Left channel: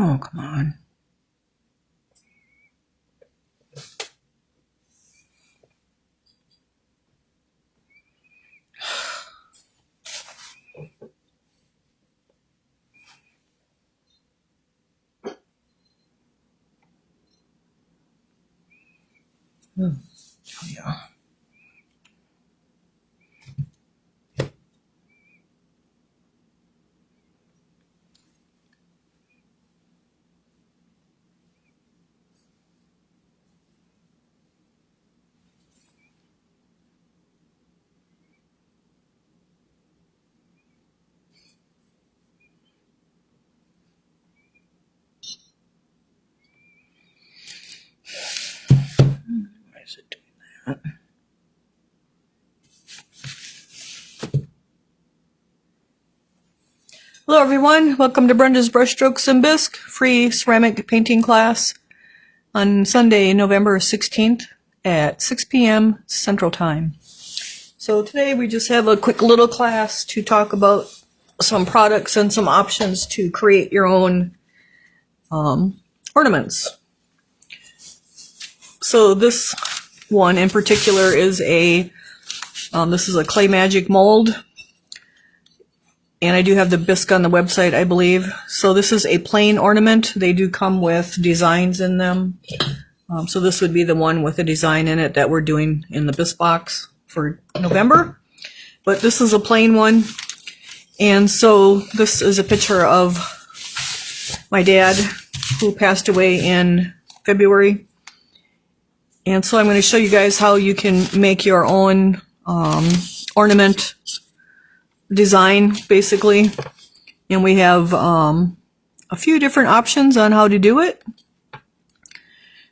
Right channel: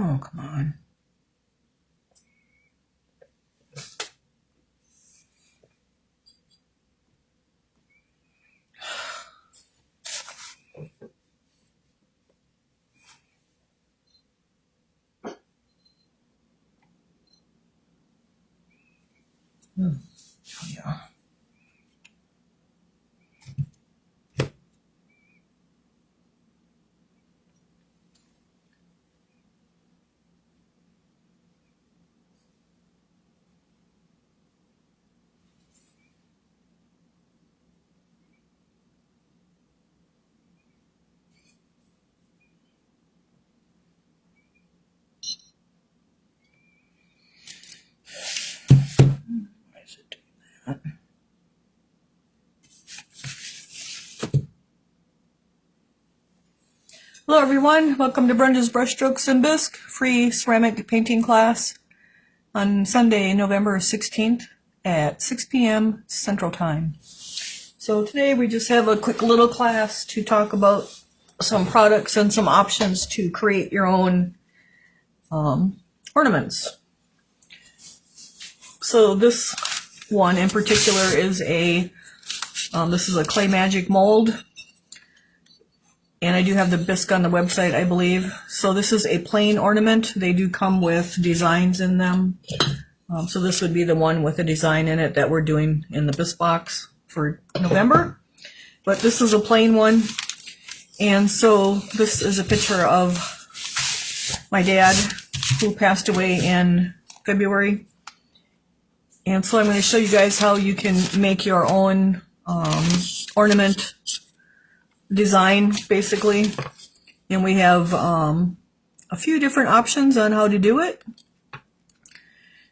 Oh, come on. Oh, yeah. Why is it doing that? Hello everyone, welcome to Brenda's Brushstrokes and Bisque free ceramic painting class on Sunday, November 16th at 6 p.m. Central Time. So today we just have a quick little class to talk about some products and some options to create your own ornaments. So this one in particular is this is a Clay Magic mold. And I do have the bisque on the website, I believe. So this is a plain ornament. They do come with designs in them. So this would be the one with a design in it that we're doing in the bisque box for November. But this is a plain one. And so this is a picture of my dad who passed away in February. And so I'm going to show you guys how you can make your own ornament design, basically. And we have a few different options on how to do it.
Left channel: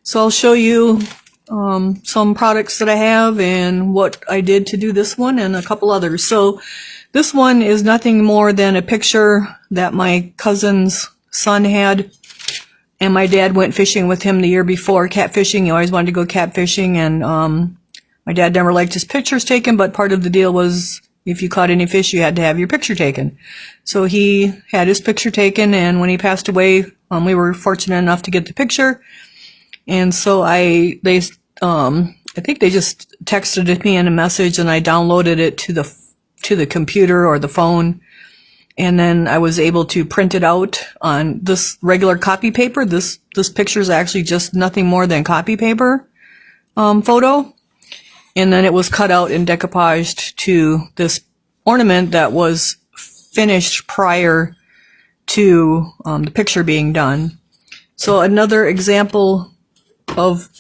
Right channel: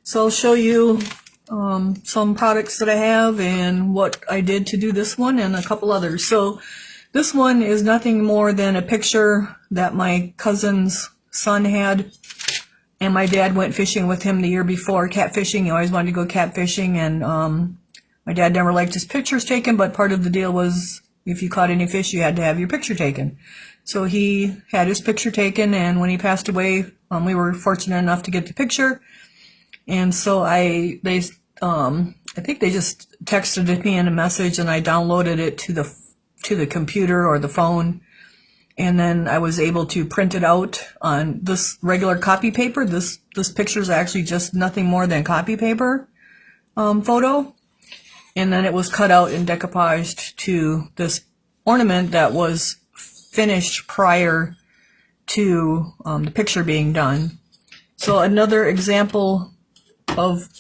So I'll show you some products that I have and what I did to do this one and a couple others. So this one is nothing more than a picture that my cousin's son had, and my dad went fishing with him the year before, catfishing. He always wanted to go catfishing, and my dad never liked his pictures taken, but part of the deal was if you caught any fish, you had to have your picture taken. So he had his picture taken, and when he passed away, we were fortunate enough to get the picture. And so I think they just texted it me in a message, and I downloaded it to the computer or the phone. And then I was able to print it out on this regular copy paper. This picture is actually just nothing more than copy paper photo. And then it was cut out and decoupaged to this ornament that was finished prior to the picture being done. So another example of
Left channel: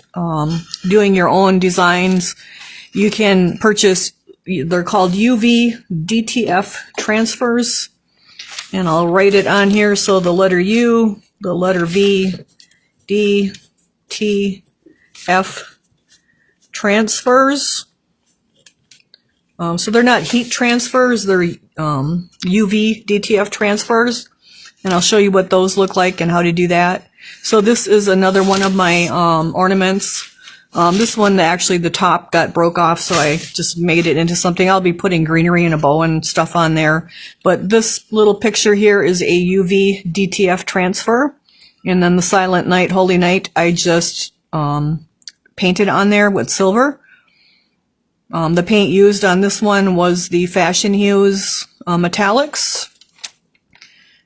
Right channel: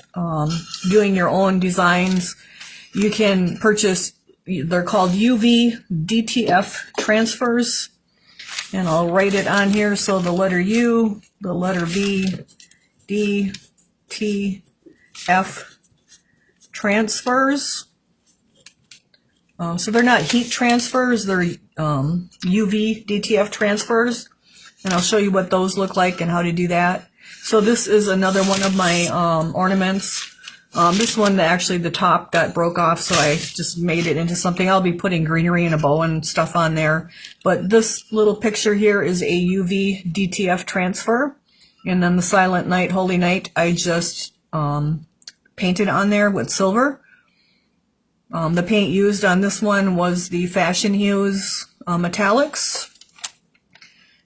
doing your own designs, you can purchase, they're called UV DTF transfers. And I'll write it on here. So the letter U, the letter V, D, T, F, transfers. So they're not heat transfers, they're UV DTF transfers. And I'll show you what those look like and how to do that. So this is another one of my ornaments. This one, actually the top got broke off, so I just made it into something. I'll be putting greenery and a bow and stuff on there. But this little picture here is a UV DTF transfer. And then the Silent Night, Holy Night, I just painted on there with silver. The paint used on this one was the Fashion Hues metallics.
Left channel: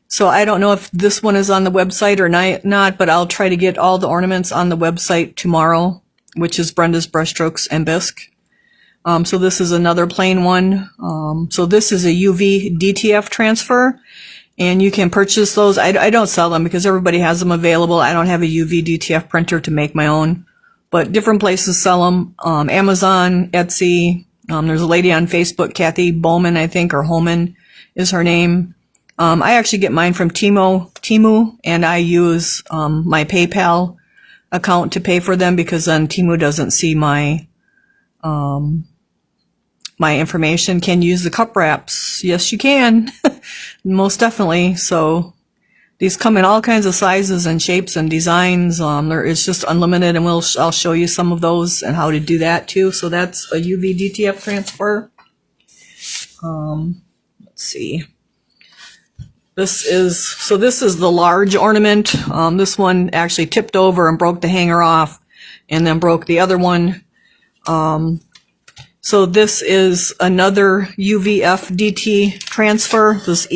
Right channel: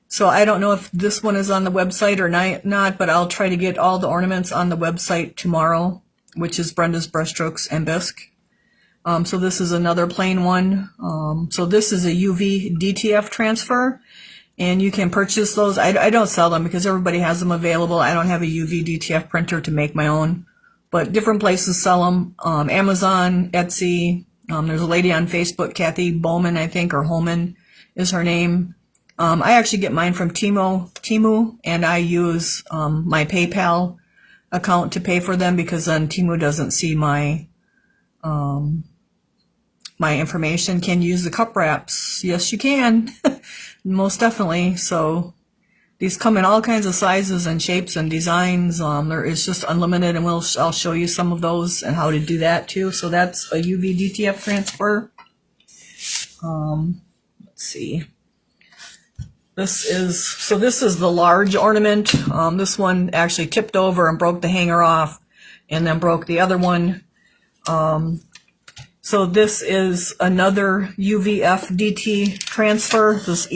So I don't know if this one is on the website or not, but I'll try to get all the ornaments on the website tomorrow, which is Brenda's Brushstrokes and Bisque. So this is another plain one. So this is a UV DTF transfer, and you can purchase those. I don't sell them because everybody has them available. I don't have a UV DTF printer to make my own, but different places sell them. Amazon, Etsy. There's a lady on Facebook, Kathy Bowman, I think, or Holman is her name. I actually get mine from Temu, and I use my PayPal account to pay for them because then Temu doesn't see my my information. Can you use the cup wraps? Yes, you can. Most definitely. So these come in all kinds of sizes and shapes and designs. It's just unlimited, and I'll show you some of those and how to do that too. So that's a UV DTF transfer. Let's see. This is the large ornament. This one actually tipped over and broke the hanger off, and then broke the other one. So this is another UVF DT transfer, this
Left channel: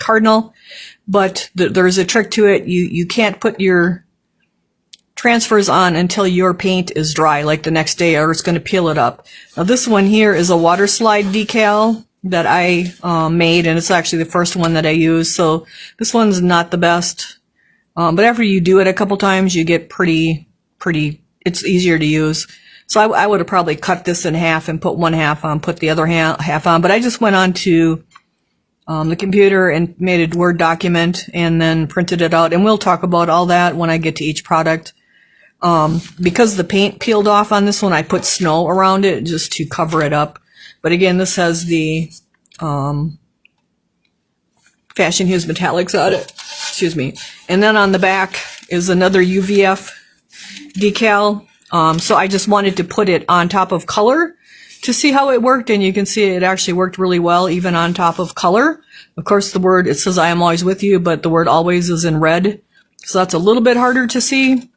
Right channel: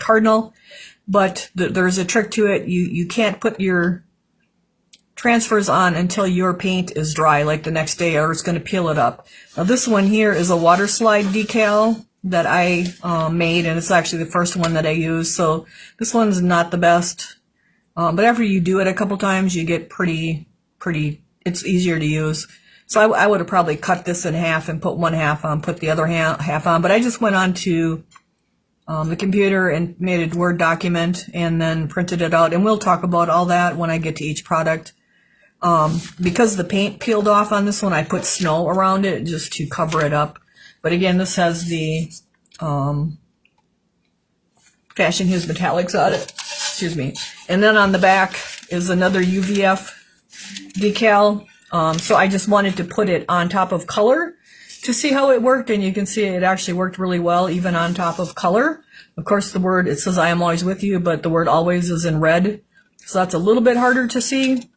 cardinal, but there's a trick to it. You can't put your transfers on until your paint is dry, like the next day, or it's going to peel it up. Now this one here is a water slide decal that I made, and it's actually the first one that I used. So this one's not the best, but after you do it a couple times, you get pretty. It's easier to use. So I would have probably cut this in half and put one half on, put the other half on. But I just went on to the computer and made a Word document and then printed it out. And we'll talk about all that when I get to each product. Because the paint peeled off on this one, I put snow around it just to cover it up. But again, this has the Fashion Hues Metallics on it. Excuse me. And then on the back is another UVF decal. So I just wanted to put it on top of color to see how it worked, and you can see it actually worked really well even on top of color. Of course, the word, it says I am always with you, but the word always is in red. So that's a little bit harder to see,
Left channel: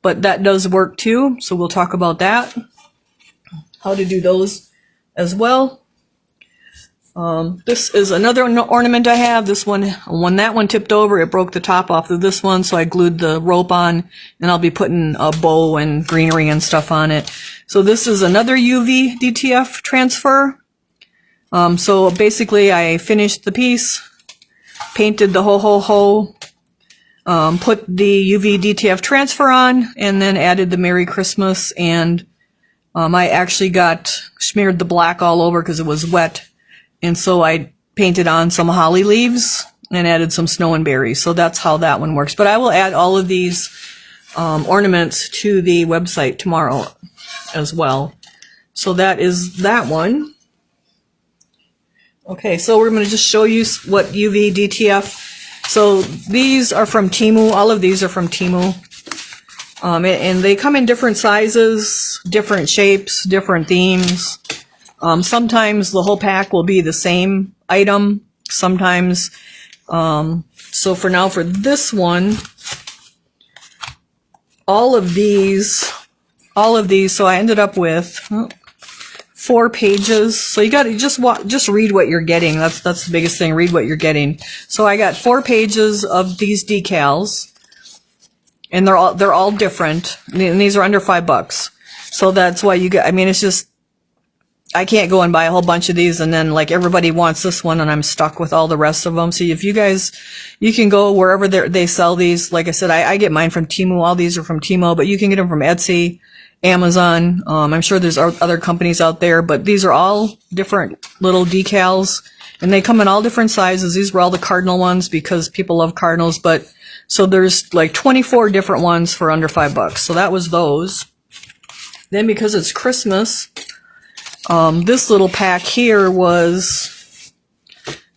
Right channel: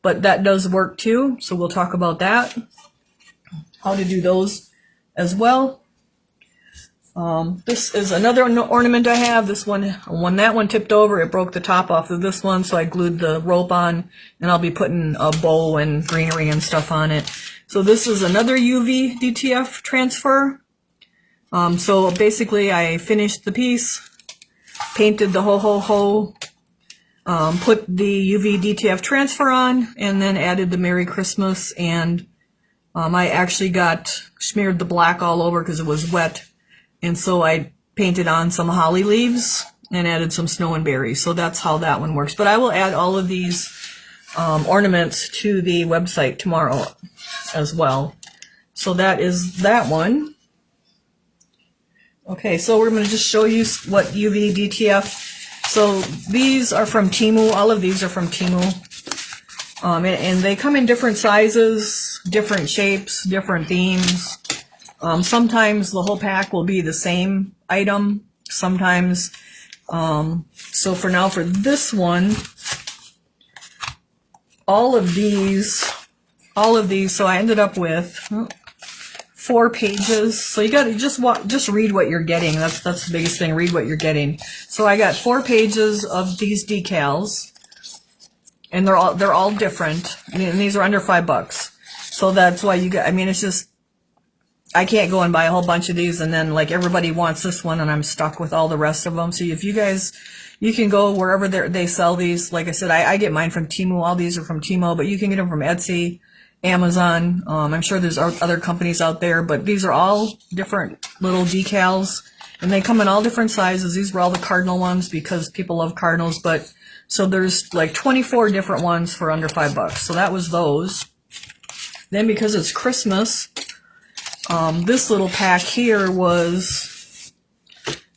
but that does work too. So we'll talk about that, how to do those as well. This is another ornament I have. This one, when that one tipped over, it broke the top off of this one, so I glued the rope on, and I'll be putting a bow and greenery and stuff on it. So this is another UV DTF transfer. So basically I finished the piece, painted the ho, put the UV DTF transfer on, and then added the Merry Christmas, and I actually smeared the black all over because it was wet. And so I painted on some holly leaves and added some snow and berries. So that's how that one works. But I will add all of these ornaments to the website tomorrow as well. So that is that one. Okay, so we're going to just show you what UV DTF. So these are from Temu. All of these are from Temu. And they come in different sizes, different shapes, different themes. Sometimes the whole pack will be the same item. Sometimes, so for now, for this one, all of these, so I ended up with 4 pages. So you got to just read what you're getting. That's the biggest thing. Read what you're getting. So I got 4 pages of these decals, and they're all different. And these are under $5. So that's why you get. I mean, it's just, I can't go and buy a whole bunch of these and then like everybody wants this one and I'm stuck with all the rest of them. So if you guys, you can go wherever they sell these. Like I said, I get mine from Temu. All these are from Temu, but you can get them from Etsy, Amazon. I'm sure there's other companies out there, but these are all different little decals and they come in all different sizes. These were all the cardinal ones because people love cardinals, but so there's like 24 different ones for under $5. So that was those. Then because it's Christmas, this little pack here was,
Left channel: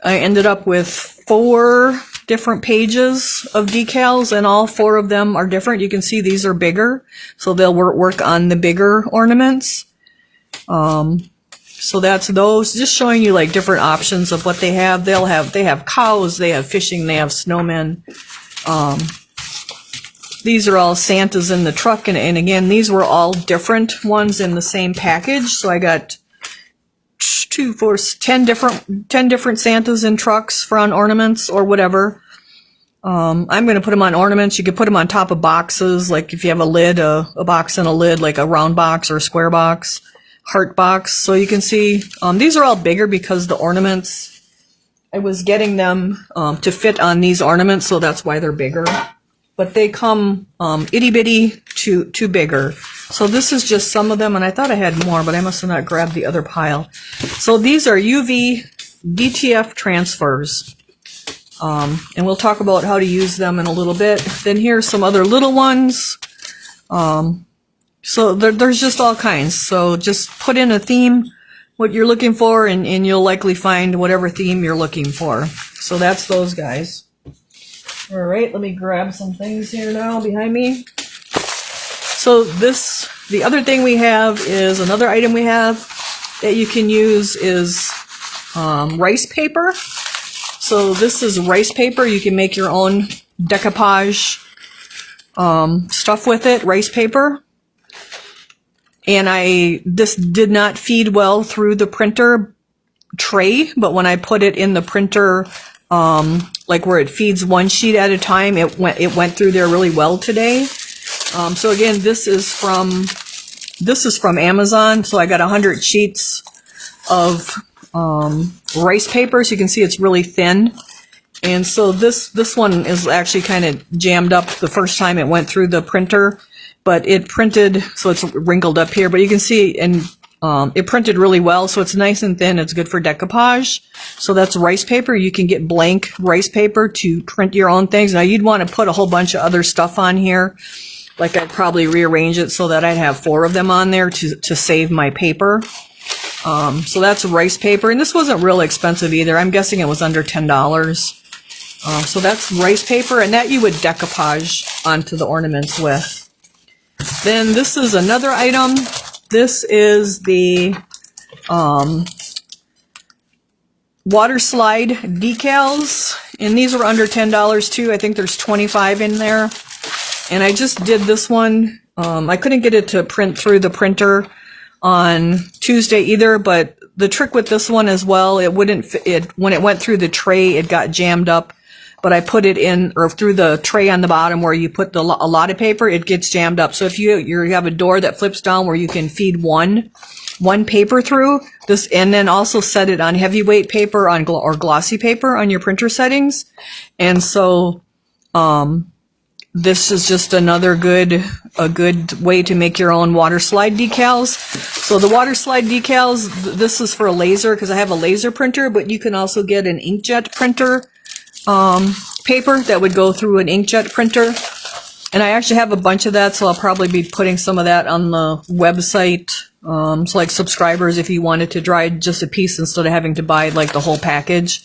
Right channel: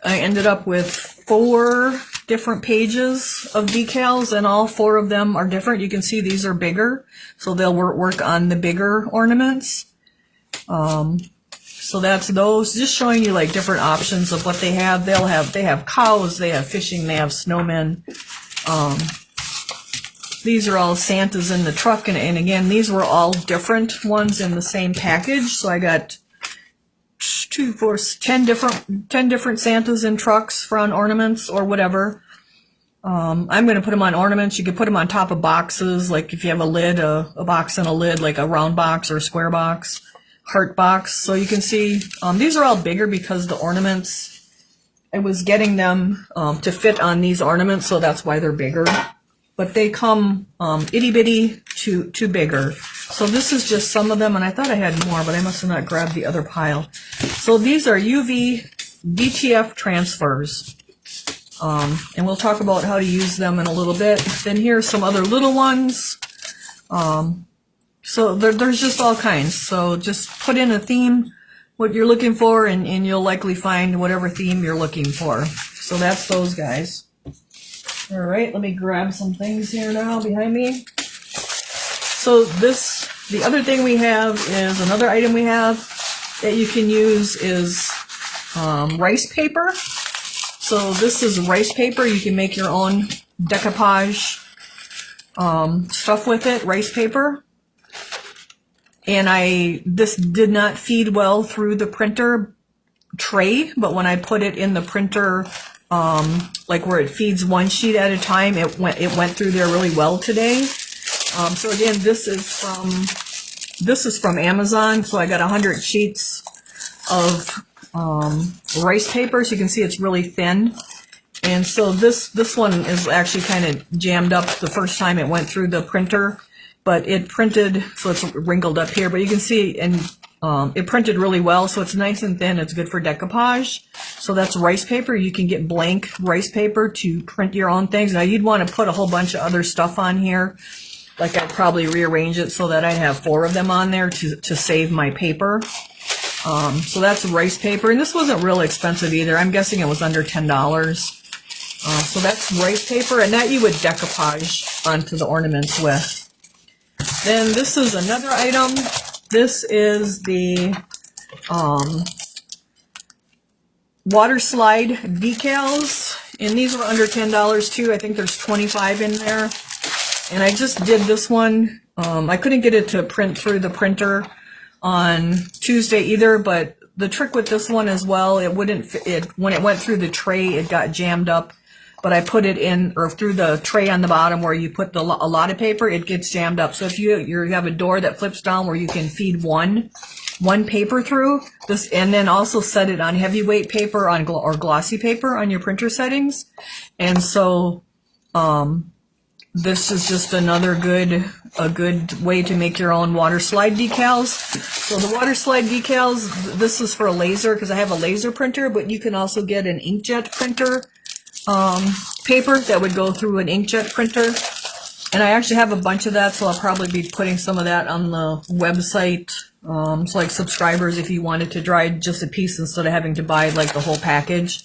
I ended up with 4 different pages of decals and all 4 of them are different. You can see these are bigger, so they'll work on the bigger ornaments. So that's those, just showing you like different options of what they have. They have cows, they have fishing, they have snowmen. These are all Santas in the truck, and again, these were all different ones in the same package. So I got 10 different Santas in trucks for on ornaments or whatever. I'm going to put them on ornaments. You could put them on top of boxes, like if you have a lid, a box and a lid, like a round box or a square box, heart box. So you can see these are all bigger because the ornaments, I was getting them to fit on these ornaments, so that's why they're bigger. But they come itty bitty to bigger. So this is just some of them, and I thought I had more, but I must have not grabbed the other pile. So these are UV DTF transfers, and we'll talk about how to use them in a little bit. Then here's some other little ones. So there's just all kinds. So just put in a theme, what you're looking for, and you'll likely find whatever theme you're looking for. So that's those guys. All right, let me grab some things here now behind me. So the other thing we have is, another item we have that you can use is rice paper. So this is rice paper. You can make your own decoupage stuff with it, rice paper. And this did not feed well through the printer tray, but when I put it in the printer, like where it feeds one sheet at a time, it went through there really well today. So again, this is from Amazon. So I got 100 sheets of rice paper. So you can see it's really thin. And so this one is actually kind of jammed up the first time it went through the printer, but it printed, so it's wrinkled up here, but you can see, and it printed really well, so it's nice and thin. It's good for decoupage. So that's rice paper. You can get blank rice paper to print your own things. Now you'd want to put a whole bunch of other stuff on here. Like I'd probably rearrange it so that I'd have 4 of them on there to save my paper. So that's rice paper, and this wasn't real expensive either. I'm guessing it was under $10. So that's rice paper, and that you would decoupage onto the ornaments with. Then this is another item. This is the waterslide decals, and these were under $10 too. I think there's 25 in there. And I just did this one. I couldn't get it to print through the printer on Tuesday either, but the trick with this one as well, it wouldn't fit, when it went through the tray, it got jammed up. But I put it in, or through the tray on the bottom where you put a lot of paper, it gets jammed up. So if you have a door that flips down where you can feed one paper through this, and then also set it on heavyweight paper or glossy paper on your printer settings. And so this is just another a good way to make your own water slide decals. So the water slide decals, this is for a laser because I have a laser printer, but you can also get an inkjet printer paper that would go through an inkjet printer. And I actually have a bunch of that, so I'll probably be putting some of that on the website. So like subscribers, if you wanted to try just a piece instead of having to buy like the whole package.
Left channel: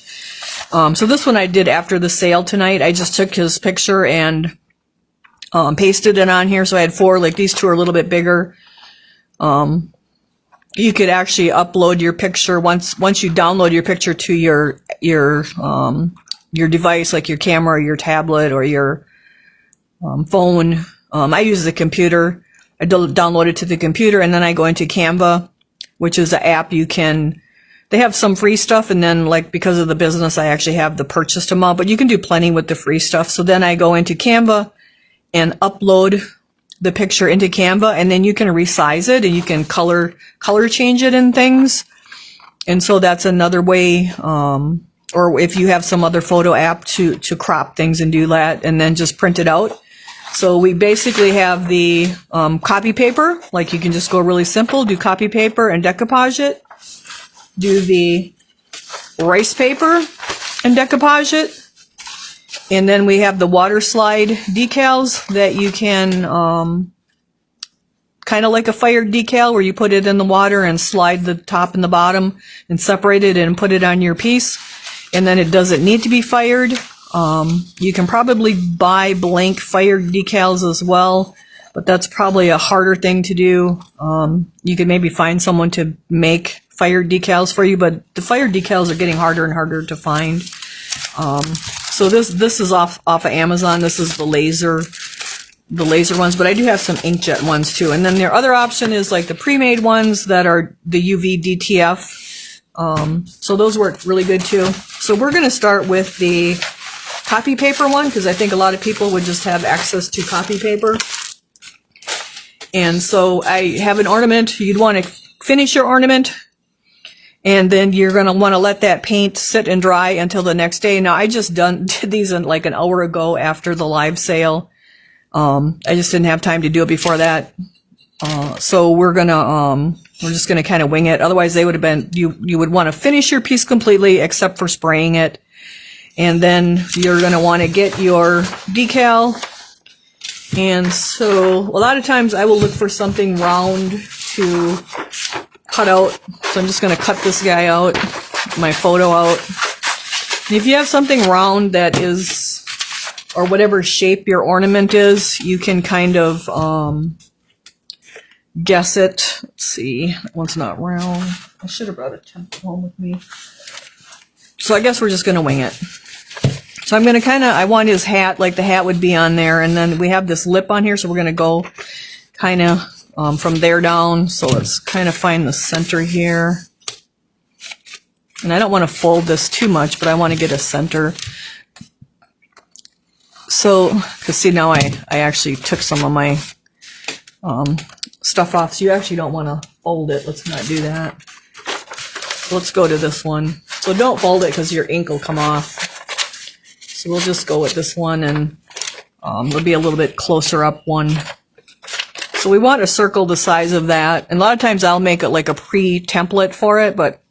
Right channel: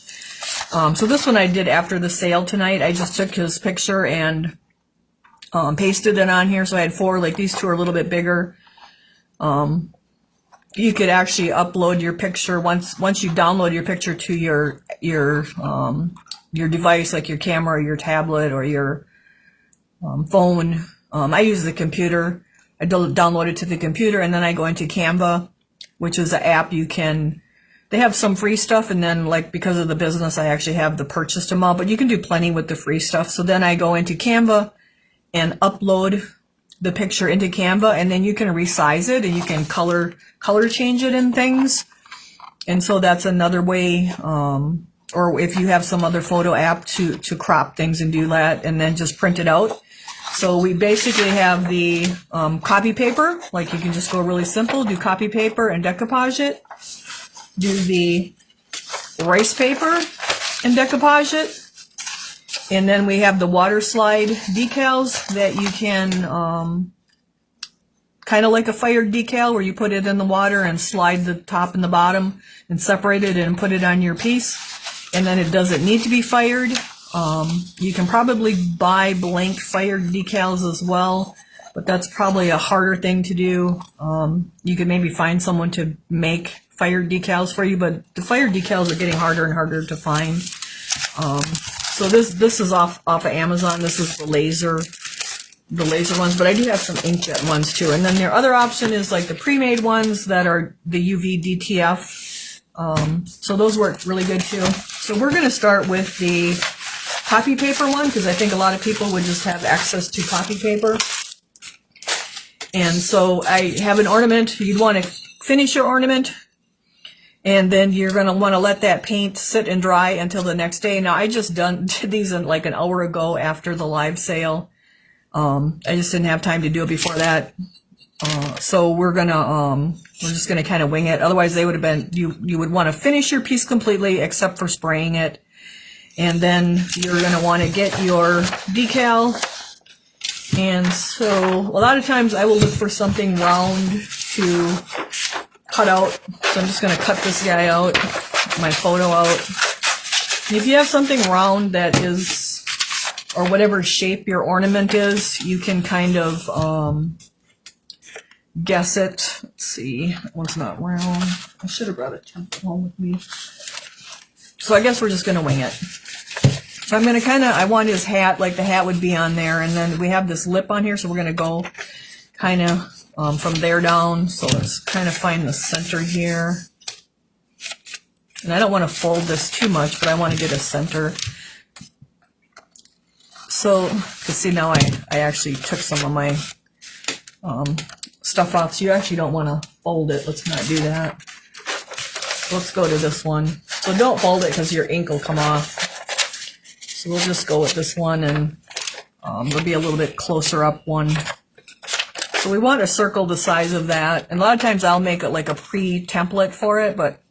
So this one I did after the sale tonight. I just took his picture and pasted it on here. So I had 4, like these 2 are a little bit bigger. You could actually upload your picture once you download your picture to your device, like your camera or your tablet or your phone. I use the computer. I download it to the computer, and then I go into Canva, which is an app they have some free stuff, and then like because of the business, I actually have the purchased amount, but you can do plenty with the free stuff. So then I go into Canva and upload the picture into Canva, and then you can resize it and you can color change it and things. And so that's another way, or if you have some other photo app to crop things and do that and then just print it out. So we basically have the copy paper, like you can just go really simple, do copy paper and decoupage it. Do the rice paper and decoupage it. And then we have the water slide decals that you can, kind of like a fired decal where you put it in the water and slide the top and the bottom and separate it and put it on your piece. And then it doesn't need to be fired. You can probably buy blank fired decals as well, but that's probably a harder thing to do. You could maybe find someone to make fired decals for you, but the fired decals are getting harder and harder to find. So this is off of Amazon. This is the laser ones, but I do have some inkjet ones too. And then their other option is like the pre-made ones that are the UV DTR. So those work really good too. So we're going to start with the copy paper one because I think a lot of people would just have access to copy paper. And so I have an ornament. You'd want to finish your ornament, and then you're going to want to let that paint sit and dry until the next day. Now I just did these in like an hour ago after the live sale. I just didn't have time to do it before that. So we're just gonna kind of wing it. Otherwise they would have been, you would want to finish your piece completely except for spraying it. And then you're gonna want to get your decal. And so a lot of times I will look for something round to cut out. So I'm just gonna cut this guy out, my photo out. If you have something round that is, or whatever shape your ornament is, you can kind of guess it. Let's see, that one's not round. I should have brought a template home with me. So I guess we're just going to wing it. So I'm going to I want his hat, like the hat would be on there. And then we have this lip on here, so we're going to go kind of from there down. So let's kind of find the center here. And I don't want to fold this too much, but I want to get a center. So, because see, now I actually took some of my stuff off. So you actually don't want to fold it. Let's not do that. Let's go to this one. So don't fold it because your ink will come off. So we'll just go with this one, and it'll be a little bit closer up one. So we want to circle the size of that. And a lot of times I'll make it like a pre-template for it, but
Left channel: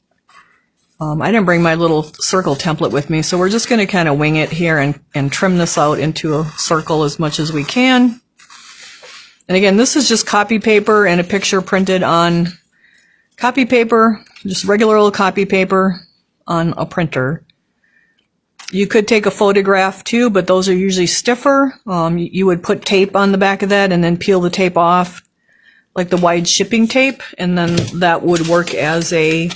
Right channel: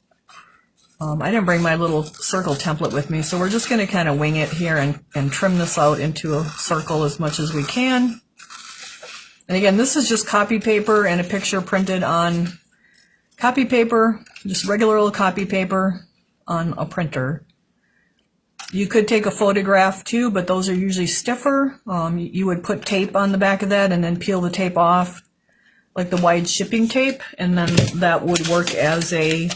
I didn't bring my little circle template with me. So we're just going to kind of wing it here and trim this out into a circle as much as we can. And again, this is just copy paper and a picture printed on copy paper, just regular old copy paper on a printer. You could take a photograph too, but those are usually stiffer. You would put tape on the back of that and then peel the tape off, like the wide shipping tape, and then that would work as a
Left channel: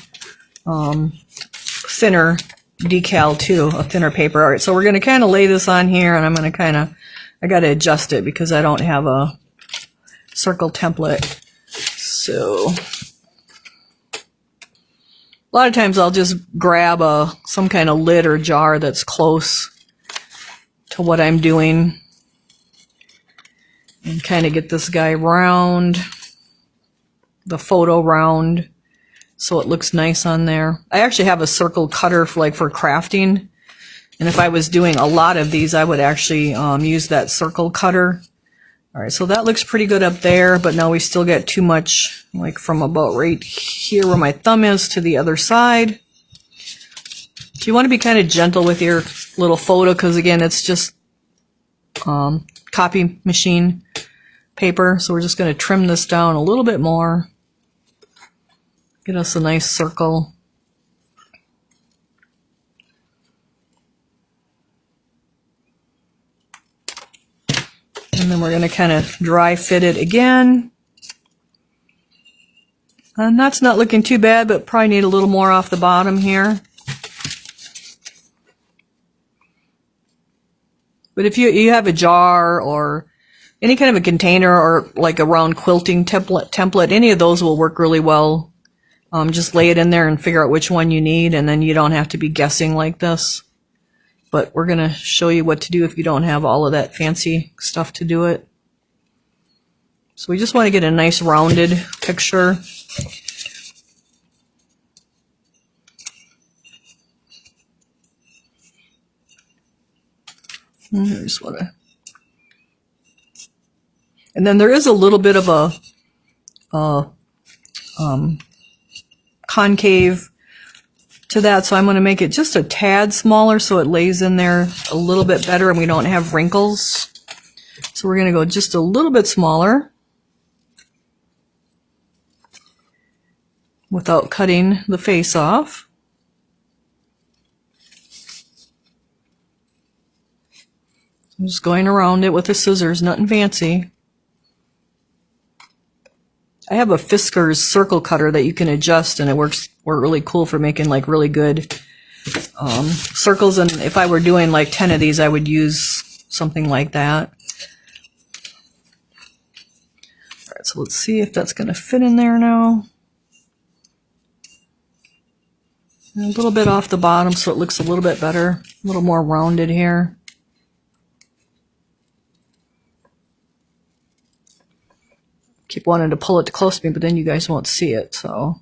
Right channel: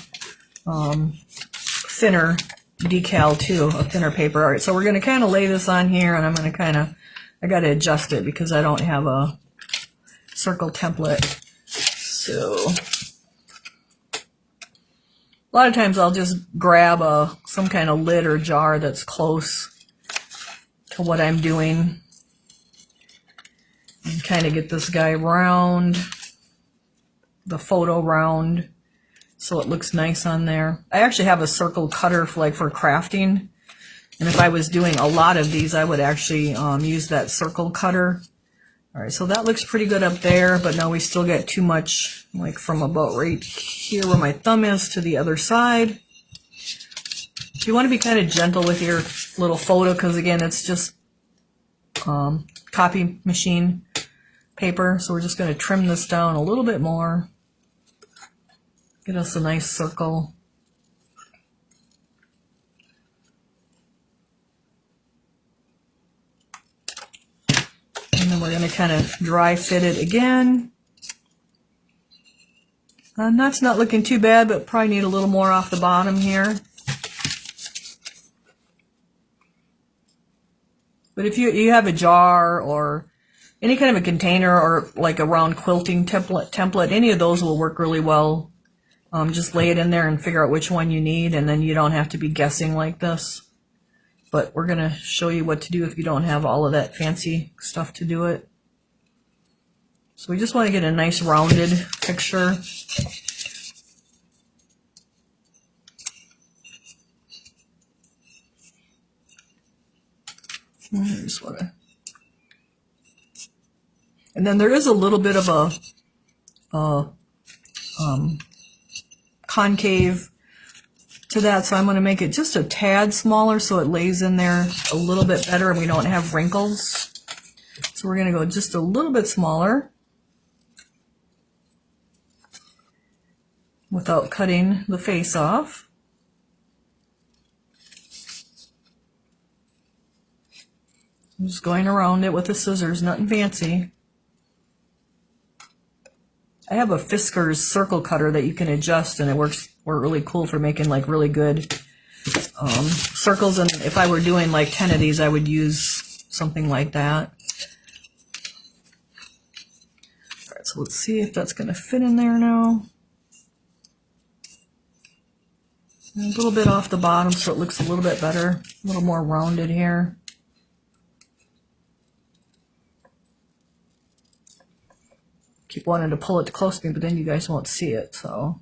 thinner decal too, a thinner paper. All right, so we're going to kind of lay this on here, and I'm going to I got to adjust it because I don't have a circle template. So a lot of times I'll just grab some kind of lid or jar that's close to what I'm doing and kind of get this guy round, the photo round, so it looks nice on there. I actually have a circle cutter for crafting, and if I was doing a lot of these, I would actually use that circle cutter. All right, so that looks pretty good up there, but now we still get too much, like from about right here where my thumb is to the other side. So you want to be kind of gentle with your little photo, because again, it's just copy machine paper. So we're just going to trim this down a little bit more. Get us a nice circle. And then we're going to kind of dry fit it again. And that's not looking too bad, but probably need a little more off the bottom here. But if you have a jar or any kind of a container or like a round quilting template, any of those will work really well. Just lay it in there and figure out which one you need, and then you don't have to be guessing like this. But we're going to show you what to do if you don't have all of that fancy stuff to do it. So we just want to get a nice rounded picture. I just want to... And then there is a little bit of a concave to that, so I'm going to make it just a tad smaller so it lays in there a little bit better and we don't have wrinkles. So we're going to go just a little bit smaller without cutting the face off. I'm just going around it with the scissors, nothing fancy. I have a Fisker's circle cutter that you can adjust, and it works really cool for making like really good circles. And if I were doing like 10 of these, I would use something like that. All right, so let's see if that's going to fit in there now. And a little bit off the bottom so it looks a little bit better, a little more rounded here. Keep wanting to pull it close to me, but then you guys won't see it, so.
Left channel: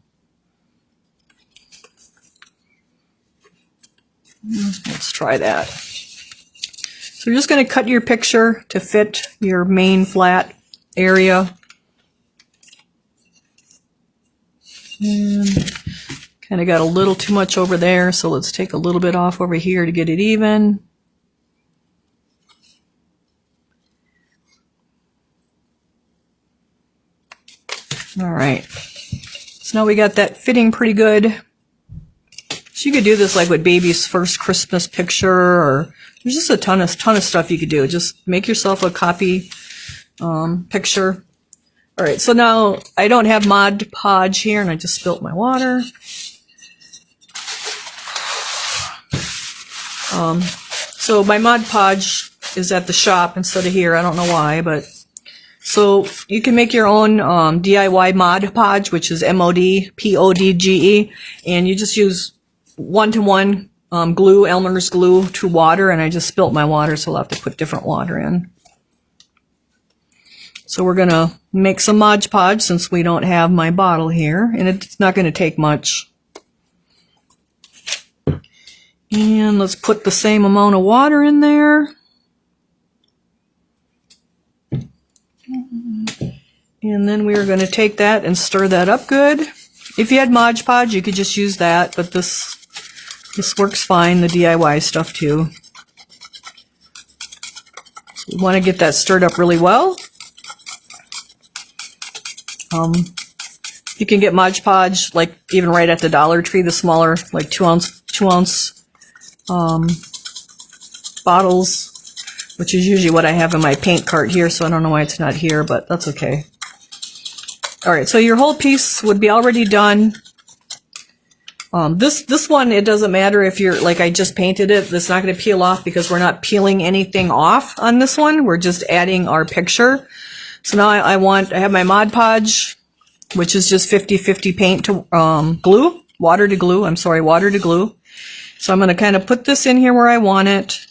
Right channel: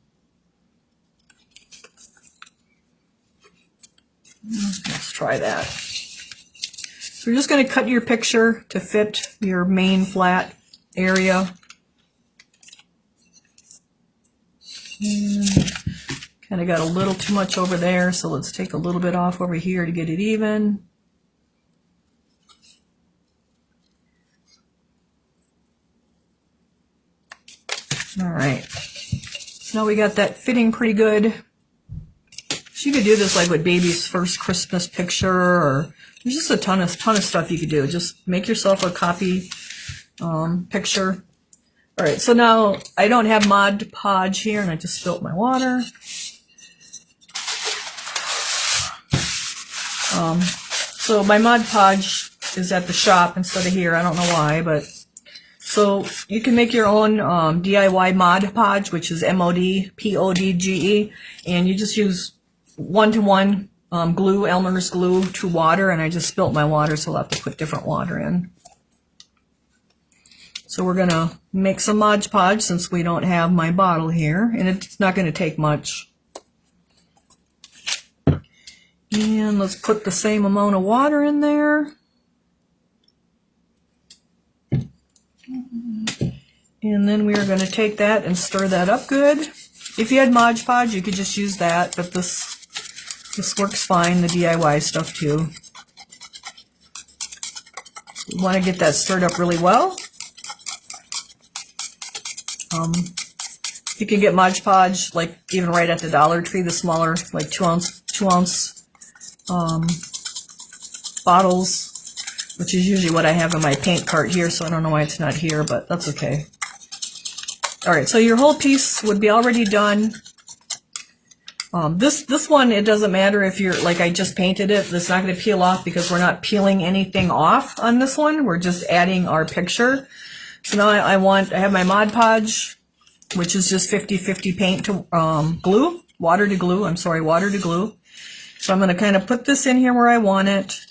Let's try that. So you're just going to cut your picture to fit your main flat area. And kind of got a little too much over there, so let's take a little bit off over here to get it even. All right, so now we got that fitting pretty good. So you could do this like with baby's first Christmas picture, or there's just a ton of stuff you could do. Just make yourself a copy picture. All right, so now I don't have Mod Podge here, and I just spilt my water. So my Mod Podge is at the shop instead of here. I don't know why, but so you can make your own DIY Mod Podge, which is MODPODGE, and you just use 1-to-1 glue, Elmer's glue to water, and I just spilt my water, so I'll have to put different water in. So we're going to make some Mod Podge since we don't have my bottle here, and it's not going to take much. And let's put the same amount of water in there. And then we are going to take that and stir that up good. If you had Mod Podge, you could just use that, but this works fine, the DIY stuff too. You want to get that stirred up really well. You can get Mod Podge like even right at the Dollar Tree, the smaller like 2 ounce bottles, which is usually what I have in my paint cart here, so I don't know why it's not here, but that's okay. All right, so your whole piece would be already done. This one, it doesn't matter if you're, like I just painted it, it's not going to peel off because we're not peeling anything off on this one. We're just adding our picture. So now I have my Mod Podge, which is just 50-50 paint to glue, water to glue. I'm sorry, water to glue. So I'm going to kind of put this in here where I want it.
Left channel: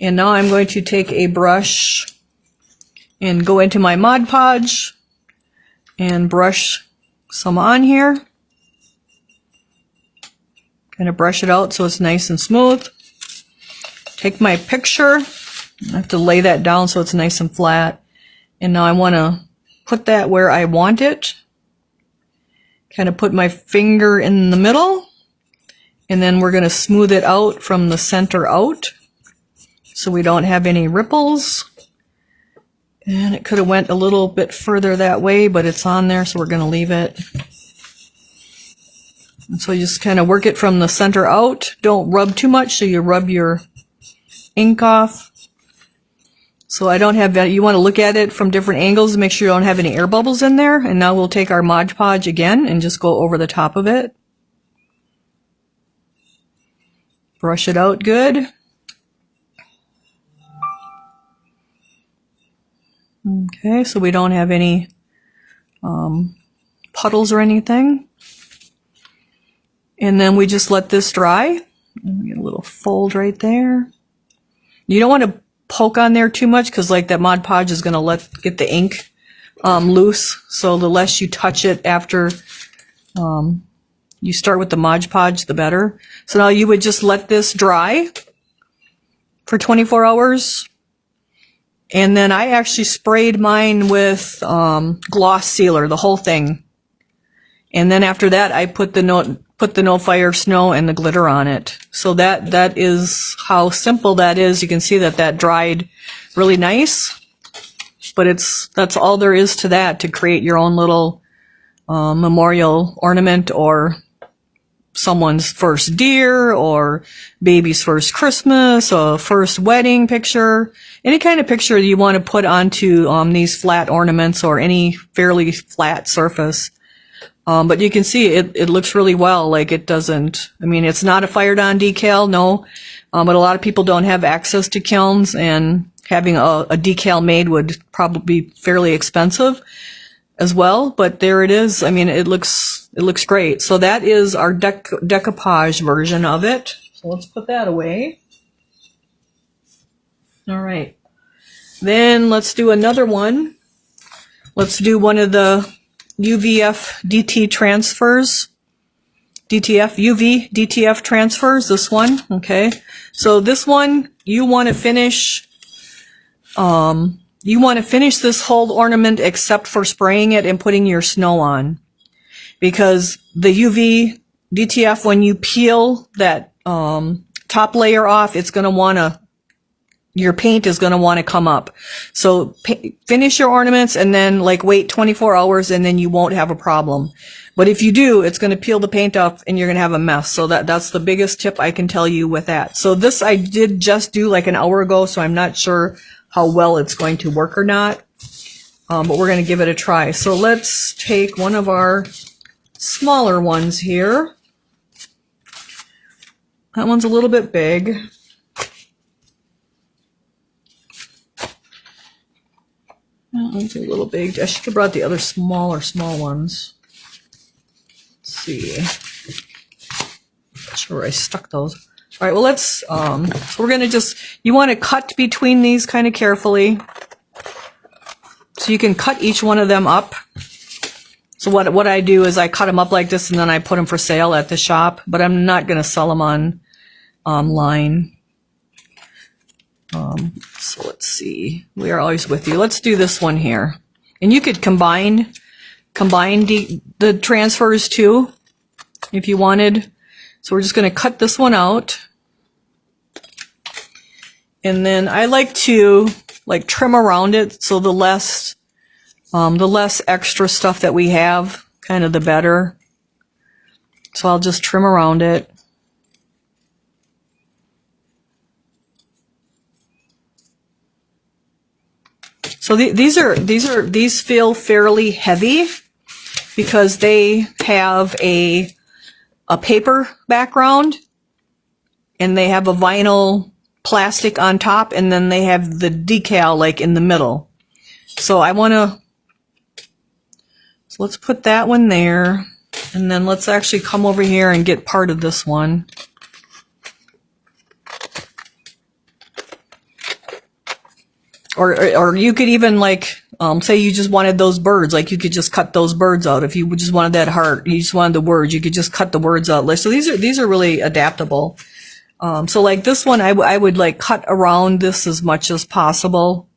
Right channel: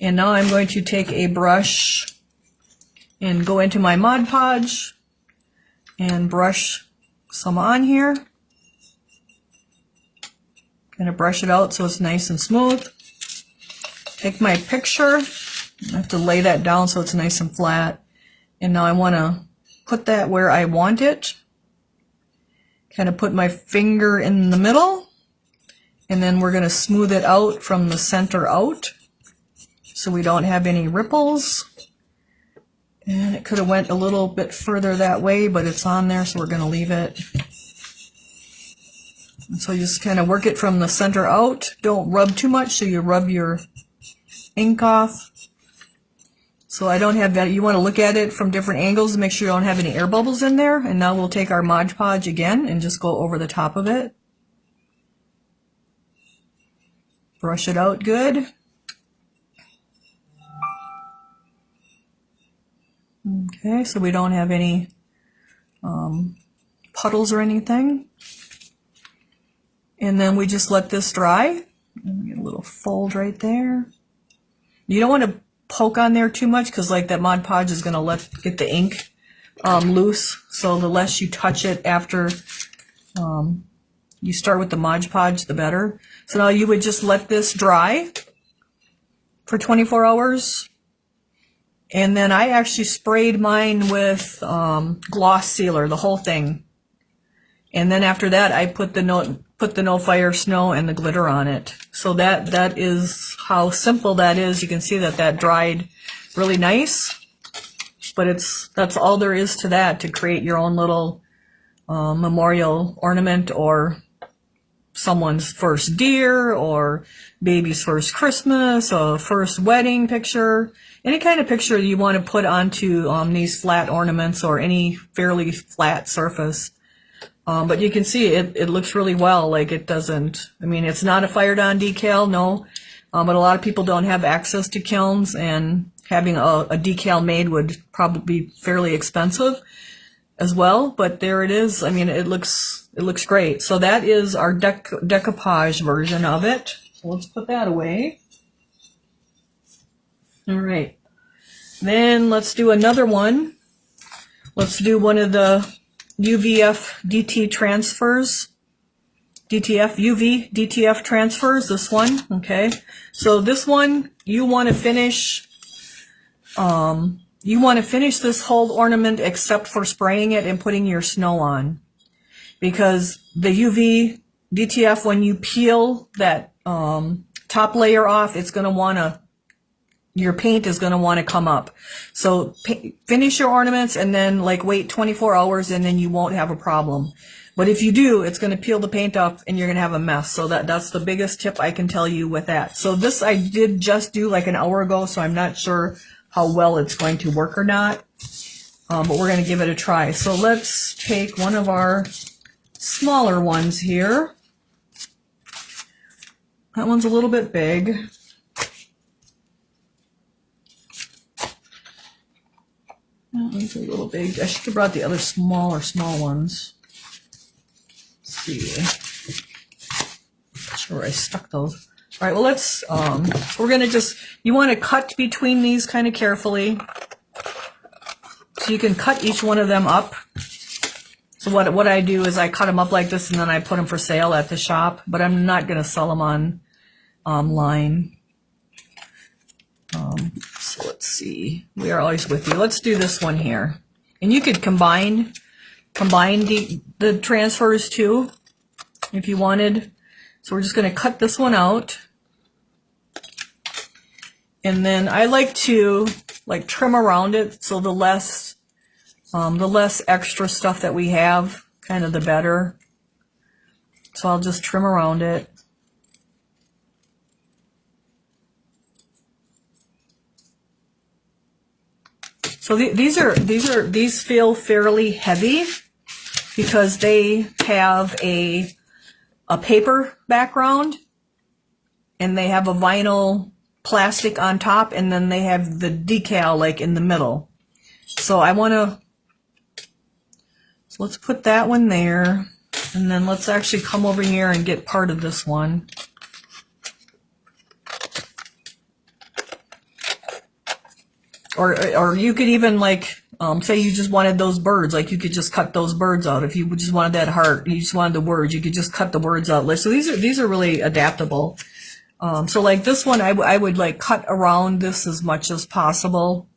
And now I'm going to take a brush and go into my Mod Podge and brush some on here. Kind of brush it out so it's nice and smooth. Take my picture. I have to lay that down so it's nice and flat. And now I want to put that where I want it. Kind of put my finger in the middle. And then we're going to smooth it out from the center out so we don't have any ripples. And it could have went a little bit further that way, but it's on there, so we're going to leave it. And so you just kind of work it from the center out. Don't rub too much, so you rub your ink off. So I don't have that. You want to look at it from different angles to make sure you don't have any air bubbles in there. And now we'll take our Mod Podge again and just go over the top of it. Brush it out good. Okay, so we don't have any puddles or anything. And then we just let this dry. Get a little fold right there. You don't want to poke on there too much because like that Mod Podge is going to get the ink loose. So the less you touch it after you start with the Mod Podge, the better. So now you would just let this dry for 24 hours. And then I actually sprayed mine with gloss sealer, the whole thing. And then after that, I put the No Fire Snow and the glitter on it. So that is how simple that is. You can see that dried really nice. But that's all there is to that, to create your own little memorial ornament or someone's first deer or baby's first Christmas or first wedding picture. Any kind of picture you want to put onto these flat ornaments or any fairly flat surface. But you can see it looks really well. Like it doesn't, I mean, it's not a fired on decal, no. But a lot of people don't have access to kilns, and having a decal made would probably be fairly expensive as well. But there it is. I mean, it looks great. So that is our decoupage version of it. So let's put that away. All right. Then let's do another one. Let's do one of the UV DTF transfers, this one, okay? So this one, you want to finish this whole ornament except for spraying it and putting your snow on. Because the UV DTF, when you peel that top layer off, it's going to want to, your paint is going to want to come up. So finish your ornaments and then like wait 24 hours and then you won't have a problem. But if you do, it's going to peel the paint off and you're going to have a mess. So that's the biggest tip I can tell you with that. So this I did just do like an hour ago, so I'm not sure how well it's going to work or not. But we're going to give it a try. So let's take one of our smaller ones here. That one's a little bit big. That one's a little big. I should have brought the other smaller ones. Let's see. Not sure where I stuck those. All right, well, let's, we're going to just, you want to cut between these kind of carefully. So you can cut each one of them up. So what I do is I cut them up like this and then I put them for sale at the shop, but I'm not going to sell them online. So let's see. We are always with you. Let's do this one here. And you could combine the transfers too, if you wanted. So we're just going to cut this one out. And then I like to trim around it, so the less extra stuff that we have, kind of the better. So I'll just trim around it. So these feel fairly heavy because they have a paper background and they have a vinyl plastic on top, and then they have the decal like in the middle. So let's put that one there, and then let's actually come over here and get part of this one. Or you could even say you just wanted those birds, you could just cut those birds out. If you just wanted that heart, you just wanted the words, you could just cut the words out. So these are really adaptable. So like this one, I would cut around this as much as possible,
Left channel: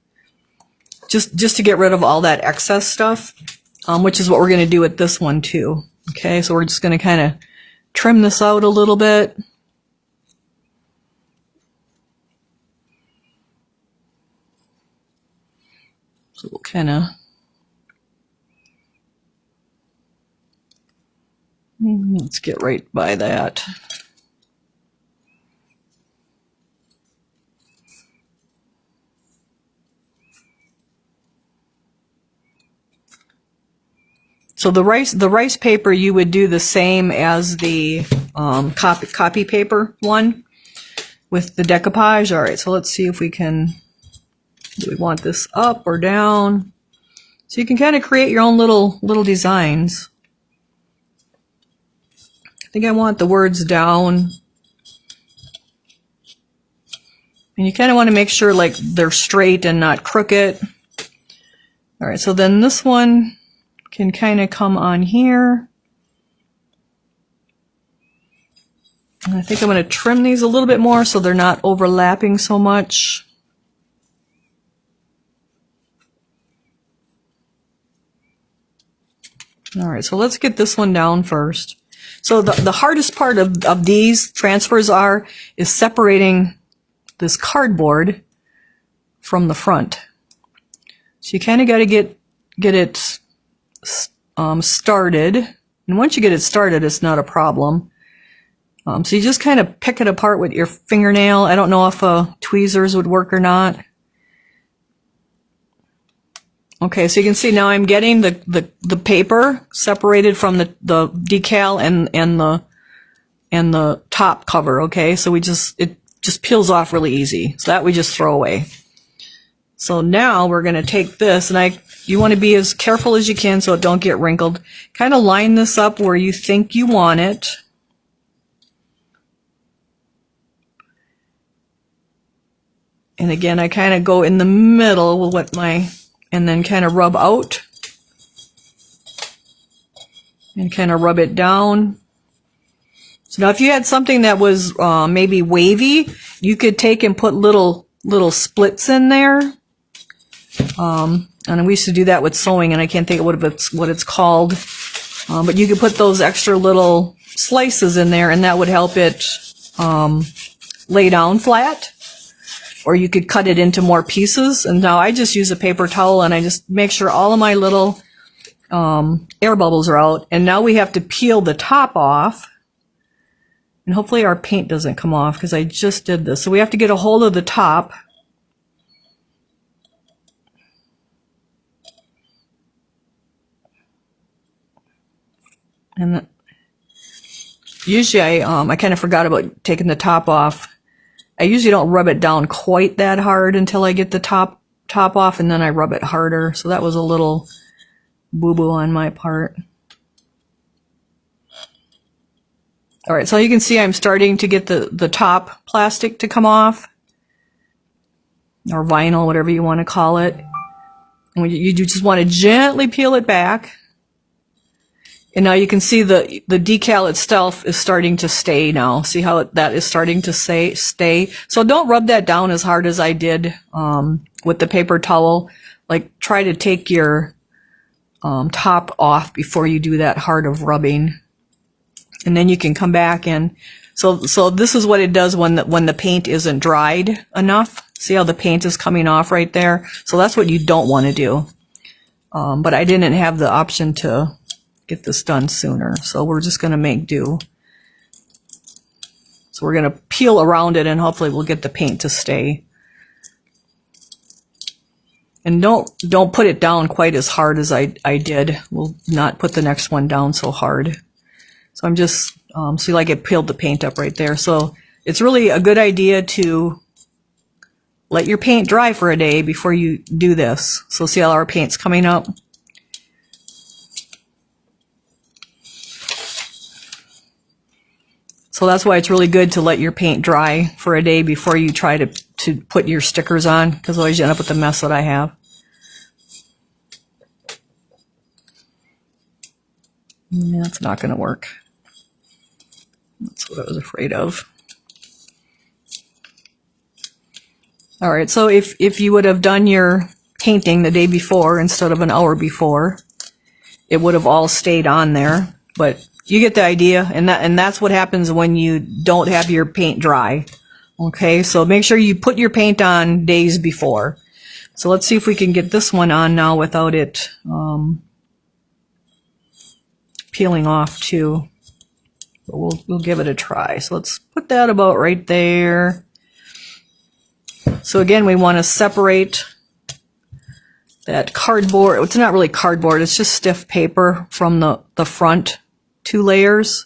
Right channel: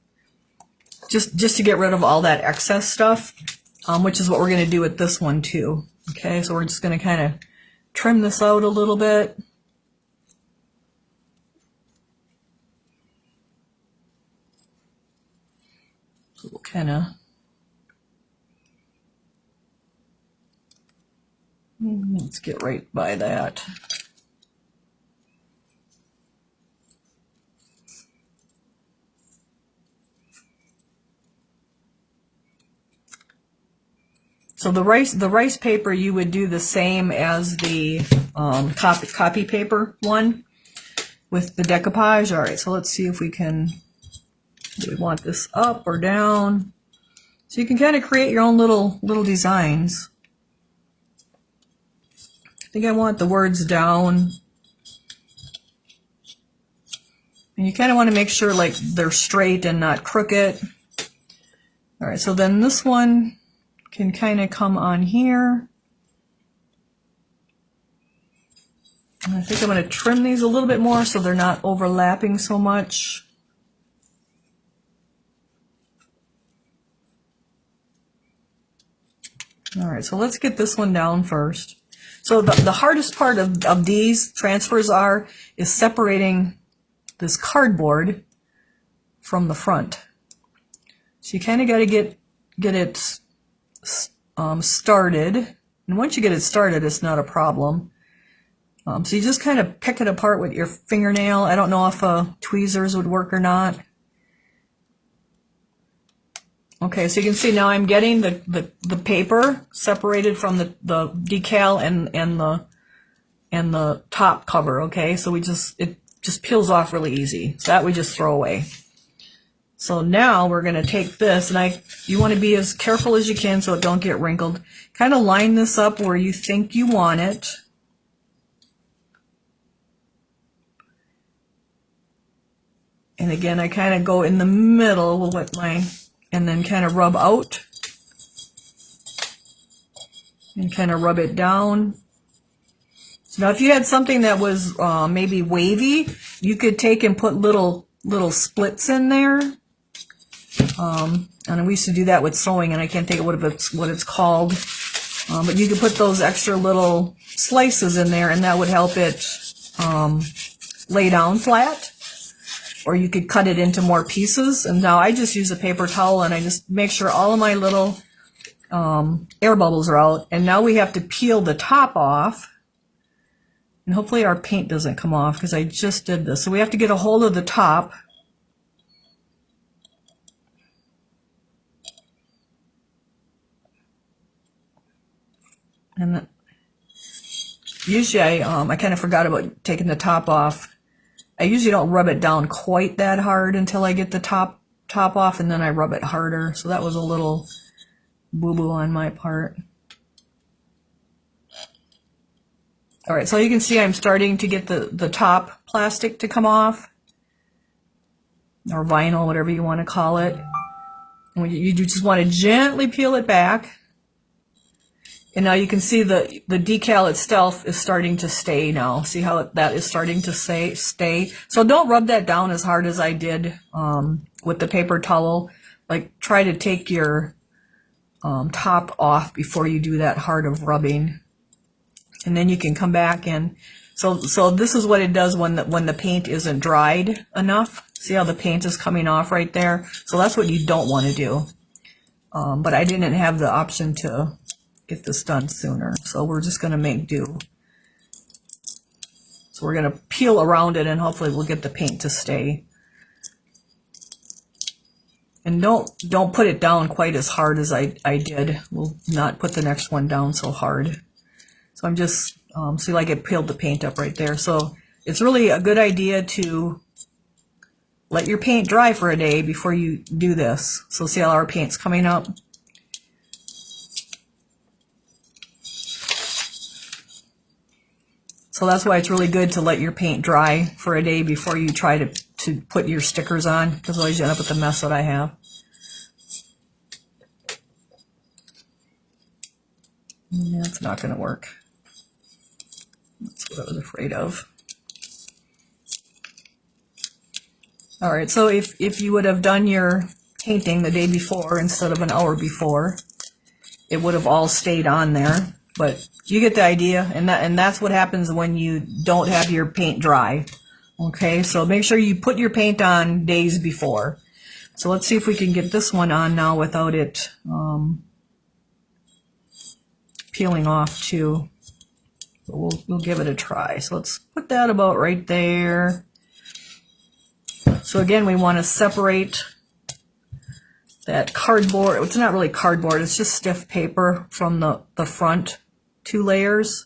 just to get rid of all that excess stuff, which is what we're going to do with this one too. Okay, so we're just going to kind of trim this out a little bit. So we'll kind of, let's get right by that. So the rice paper, you would do the same as the copy paper one with the decoupage. All right, so let's see if we can. Do we want this up or down? So you can kind of create your own little designs. I think I want the words down. And you kind of want to make sure they're straight and not crooked. All right, so then this one can kind of come on here. And I think I'm going to trim these a little bit more so they're not overlapping so much. All right, so let's get this one down first. So the hardest part of these transfers is separating this cardboard from the front. So you kind of got to get it started. And once you get it started, it's not a problem. So you just kind of pick it apart with your fingernail. I don't know if tweezers would work or not. Okay, so you can see now I'm getting the paper separated from the decal and the top cover. Okay, so it just peels off really easy. So that we just throw away. So now we're going to take this, and you want to be as careful as you can so it don't get wrinkled. Kind of line this up where you think you want it. And again, I kind of go in the middle with and then kind of rub out and kind of rub it down. So now if you had something that was maybe wavy, you could take and put little splits in there. And we used to do that with sewing, and I can't think of what it's called. But you could put those extra little slices in there, and that would help it lay down flat. Or you could cut it into more pieces. And now I just use a paper towel and I just make sure all of my little air bubbles are out. And now we have to peel the top off. And hopefully our paint doesn't come off because I just did this. So we have to get a hold of the top. And Usually I kind of forgot about taking the top off. I usually don't rub it down quite that hard until I get the top off, and then I rub it harder. So that was a little boo-boo on my part. All right, so you can see I'm starting to get the top plastic to come off, or vinyl, whatever you want to call it. And you just want to gently peel it back. And now you can see the decal itself is starting to stay now. See how that is starting to stay? So don't rub that down as hard as I did with the paper towel. Like, try to take your top off before you do that hard of rubbing. And then you can come back and so this is what it does when the paint isn't dried enough. See how the paint is coming off right there? So that's what you don't want to do. But I didn't have the option to get this done sooner, so we're just going to make do. So we're going to peel around it, and hopefully we'll get the paint to stay. And don't put it down quite as hard as I did. We'll not put the next one down so hard. So I'm just, see, like it peeled the paint up right there. So it's really a good idea to let your paint dry for a day before you do this. So see how our paint's coming up? So that's why it's really good to let your paint dry for a day before you try to put your stickers on, because otherwise you end up with the mess that I have. Yeah, that's not going to work. That's what I was afraid of. All right, so if you would have done your painting the day before instead of an hour before, it would have all stayed on there. But you get the idea, and that's what happens when you don't have your paint dry. Okay, so make sure you put your paint on days before. So let's see if we can get this one on now without it peeling off too. But we'll give it a try. So let's put that about right there. So again, we want to separate that cardboard. It's not really cardboard, it's just stiff paper from the front 2 layers.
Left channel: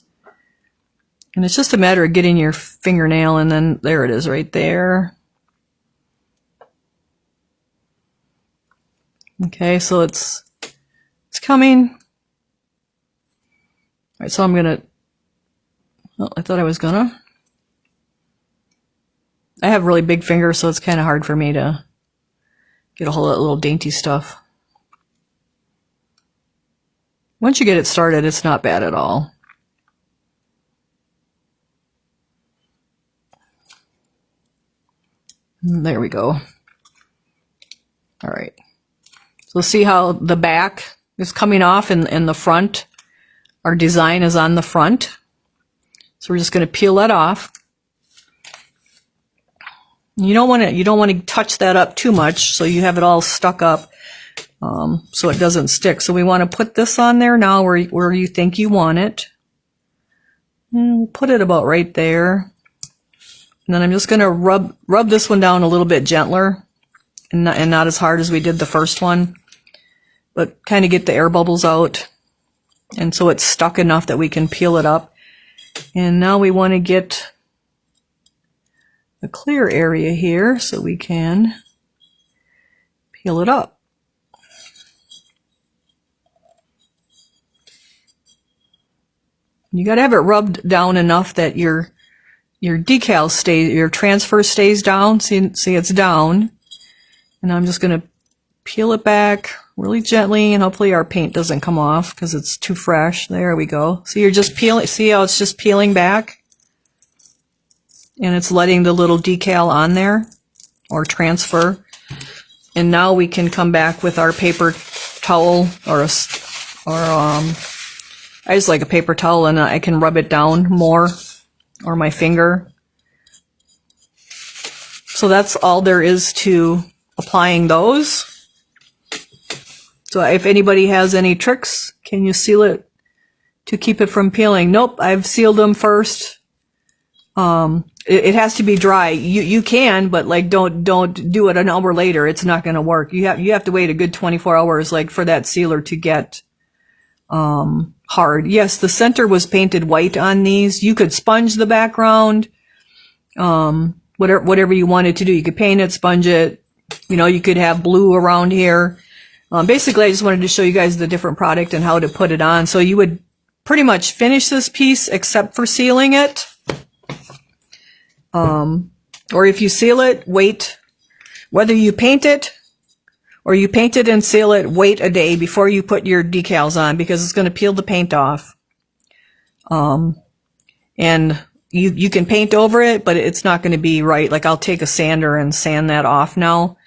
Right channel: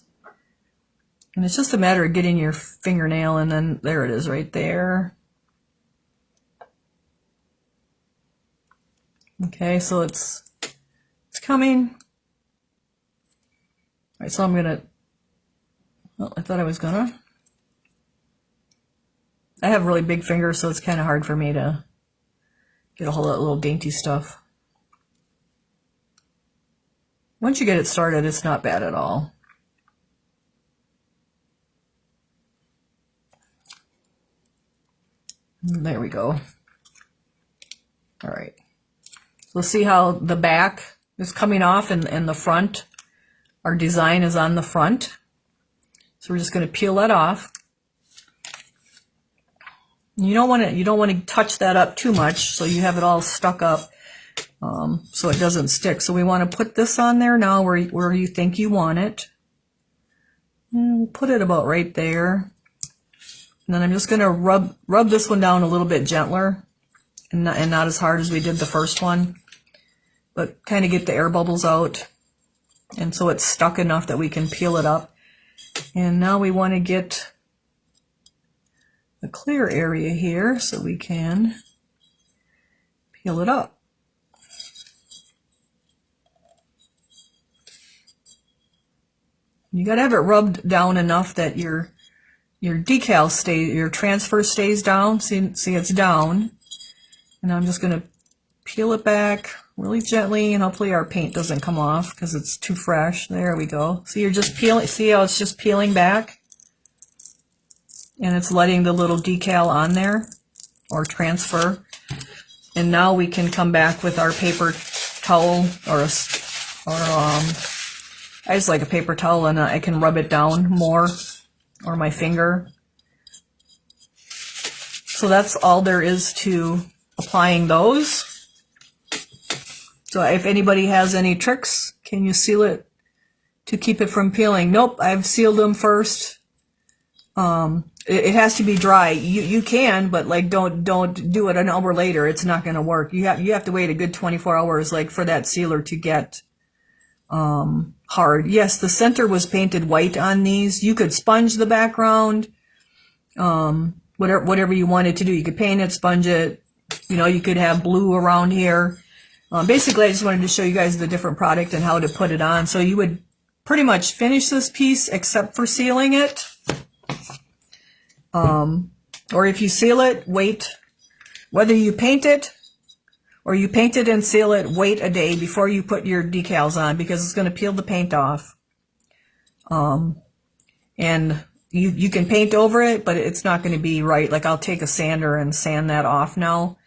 And it's just a matter of getting your fingernail, and then there it is right there. Okay, so it's coming. All right, so I'm gonna, well, I thought I was gonna. I have really big fingers, so it's kind of hard for me to get a hold of that little dainty stuff. Once you get it started, it's not bad at all. There we go. All right. So see how the back is coming off and the front, our design is on the front. So we're just going to peel that off. You don't want to touch that up too much, so you have it all stuck up, so it doesn't stick. So we want to put this on there now where you think you want it. And we'll put it about right there. And then I'm just going to rub this one down a little bit gentler, and not as hard as we did the first one, but kind of get the air bubbles out, and so it's stuck enough that we can peel it up. And now we want to get a clear area here so we can peel it up. You got to have it rubbed down enough that your decal stays, your transfer stays down. See it's down. And I'm just going to peel it back really gently, and hopefully our paint doesn't come off because it's too fresh. There we go. So you're just peeling, see how it's just peeling back? And it's letting the little decal on there, or transfer. And now we can come back with our paper towel, I just like a paper towel, and I can rub it down more, or my finger. So that's all there is to applying those. So if anybody has any tricks, can you seal it to keep it from peeling? Nope, I've sealed them first. It has to be dry. You can, but like don't do it an hour later. It's not going to work. You have to wait a good 24 hours, like, for that sealer to get hard. Yes, the center was painted white on these. You could sponge the background, whatever you wanted to do. You could paint it, sponge it. You know, you could have blue around here. Basically, I just wanted to show you guys the different product and how to put it on. So you would pretty much finish this piece except for sealing it. Or if you seal it, wait. Whether you paint it or you paint it and seal it, wait a day before you put your decals on because it's going to peel the paint off. And you can paint over it, but it's not going to be right. Like I'll take a sander and sand that off now.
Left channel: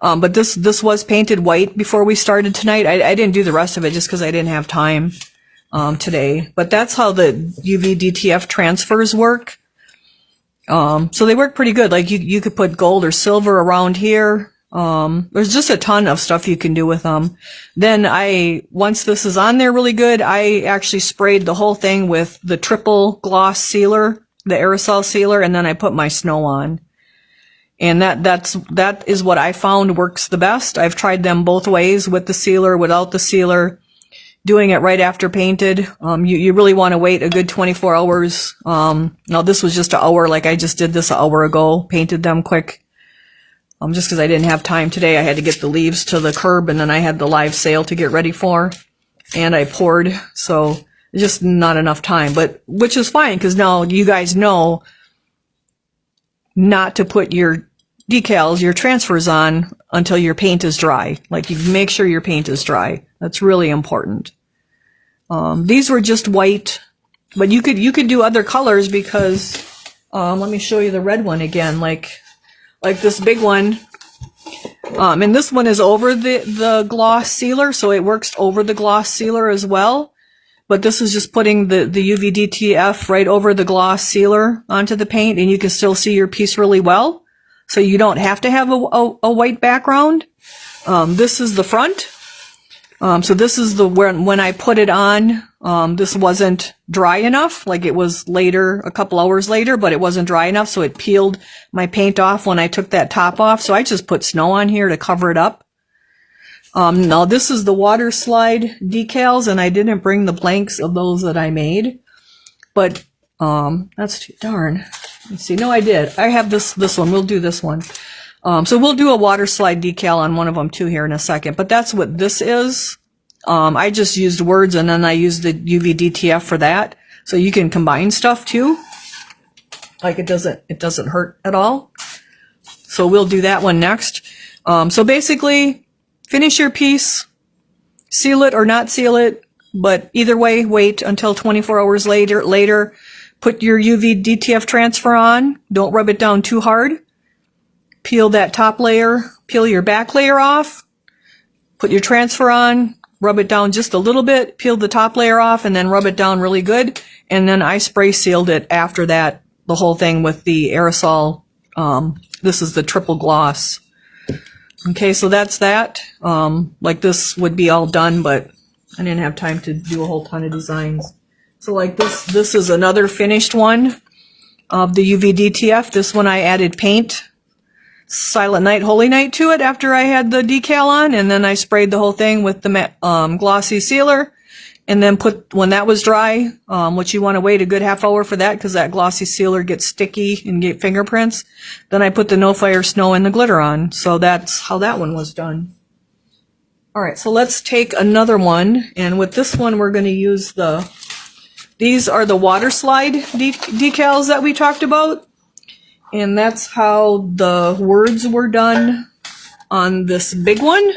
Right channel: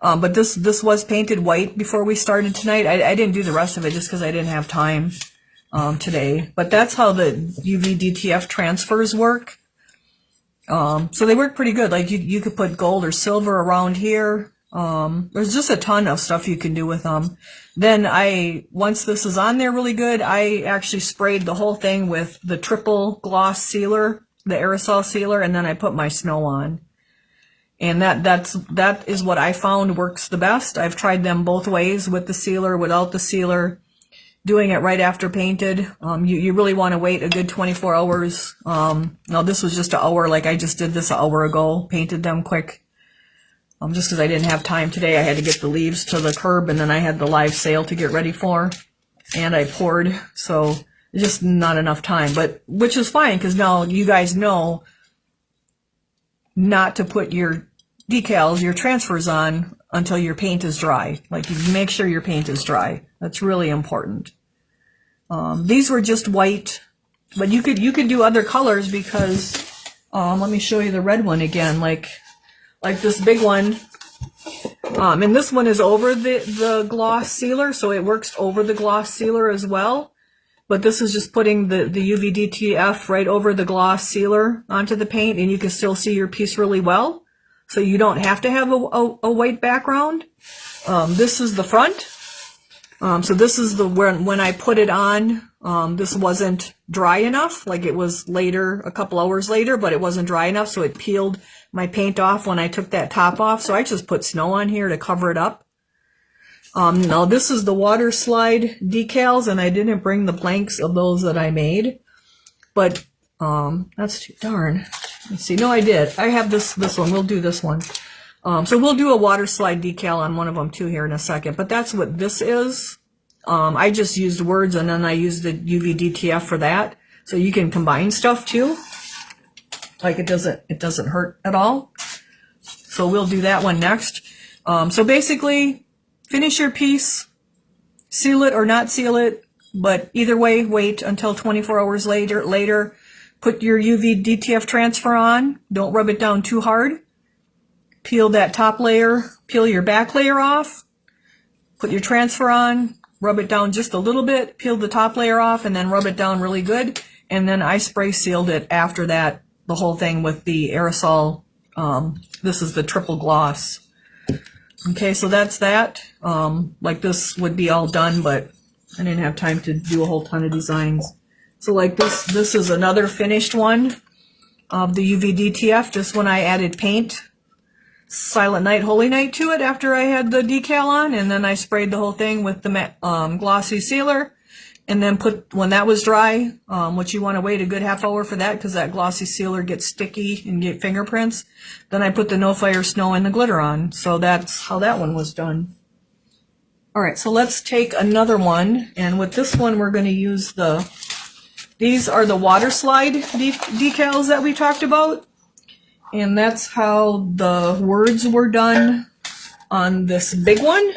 But this was painted white before we started tonight. I didn't do the rest of it just because I didn't have time today. But that's how the UV DTF transfers work. So they work pretty good. Like you could put gold or silver around here. There's just a ton of stuff you can do with them. Then once this is on there really good, I actually sprayed the whole thing with the triple gloss sealer, the aerosol sealer, and then I put my snow on. And that is what I found works the best. I've tried them both ways, with the sealer, without the sealer, doing it right after painted. You really want to wait a good 24 hours. Now this was just an hour, like I just did this an hour ago, painted them quick. Just because I didn't have time today. I had to get the leaves to the curb, and then I had the live sale to get ready for, and I poured, so just not enough time, but which is fine because now you guys know not to put your decals, your transfers on until your paint is dry. Like you make sure your paint is dry. That's really important. These were just white, but you could do other colors because let me show you the red one again. Like this big one. And this one is over the gloss sealer, so it works over the gloss sealer as well. But this is just putting the UV DTF right over the gloss sealer onto the paint, and you can still see your piece really well. So you don't have to have a white background. This is the front. So this is when I put it on, this wasn't dry enough. Like it was later, a couple hours later, but it wasn't dry enough. So it peeled my paint off when I took that top off. So I just put snow on here to cover it up. Now this is the water slide decals, and I didn't bring the blanks of those that I made, but, that's too darn. Let's see. No, I did. I have this one. We'll do this one. So we'll do a water slide decal on one of them too here in a second, but that's what this is. I just used words, and then I used the UV DTF for that. So you can combine stuff too. Like it doesn't hurt at all. So we'll do that one next. So basically finish your piece, seal it or not seal it, but either way, wait until 24 hours later, put your UV DTF transfer on. Don't rub it down too hard. Peel that top layer, peel your back layer off, put your transfer on, rub it down just a little bit, peel the top layer off, and then rub it down really good. And then I spray sealed it after that, the whole thing with the aerosol. This is the triple gloss. Okay, so that's that. Like this would be all done, but I didn't have time to do a whole ton of designs. So like this is another finished one of the UV DTF. This one I added paint, Silent Night, Holy Night to it after I had the decal on, and then I sprayed the whole thing with the glossy sealer, and then when that was dry, which you want to wait a good half hour for that because that glossy sealer gets sticky and get fingerprints, then I put the No Fire Snow and the glitter on. So that's how that one was done. All right, so let's take another one, and with this one we're going to use these are the water slide decals that we talked about. And that's how the words were done on this big one.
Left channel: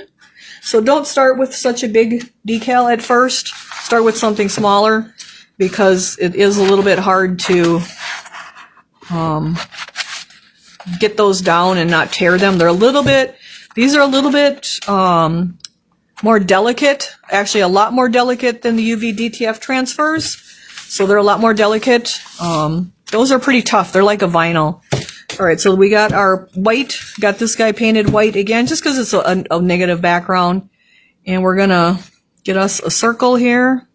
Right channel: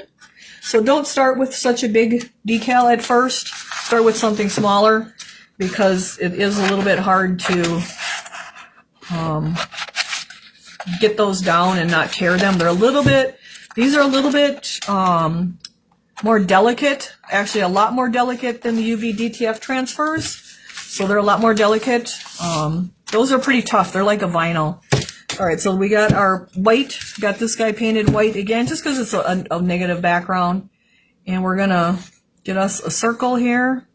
So don't start with such a big decal at first. Start with something smaller because it is a little bit hard to get those down and not tear them. These are a little bit more delicate, actually a lot more delicate than the UV DTF transfers. So they're a lot more delicate. Those are pretty tough. They're like a vinyl. All right, so we got our white, got this guy painted white again, just because it's a negative background. And we're going to get us a circle here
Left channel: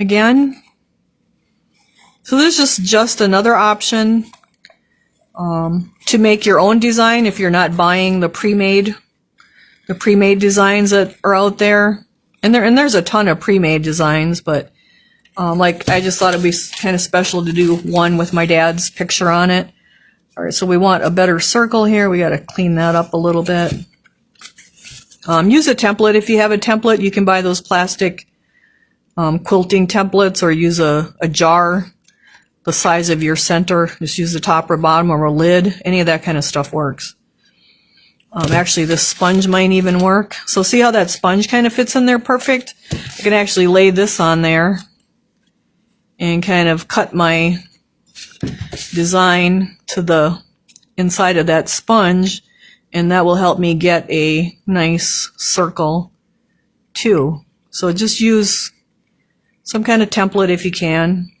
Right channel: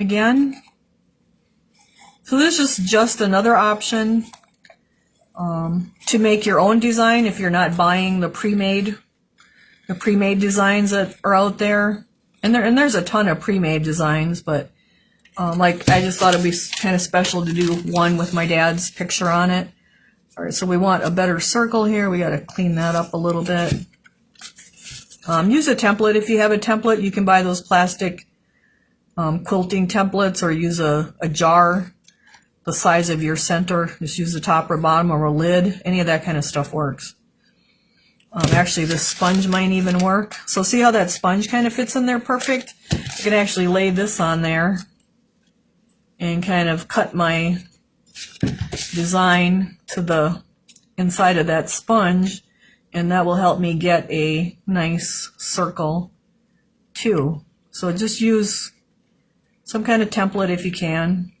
again. So this is just another option to make your own design if you're not buying the pre-made designs that are out there. And there's a ton of pre-made designs, but like I just thought it'd be kind of special to do one with my dad's picture on it. All right, so we want a better circle here. We got to clean that up a little bit. Use a template. If you have a template, you can buy those plastic quilting templates, or use a jar the size of your center. Just use the top or bottom or a lid. Any of that kind of stuff works. Actually, this sponge might even work. So see how that sponge kind of fits in there perfect? I can actually lay this on there and kind of cut my design to the inside of that sponge, and that will help me get a nice circle too. So just use some kind of template if you can.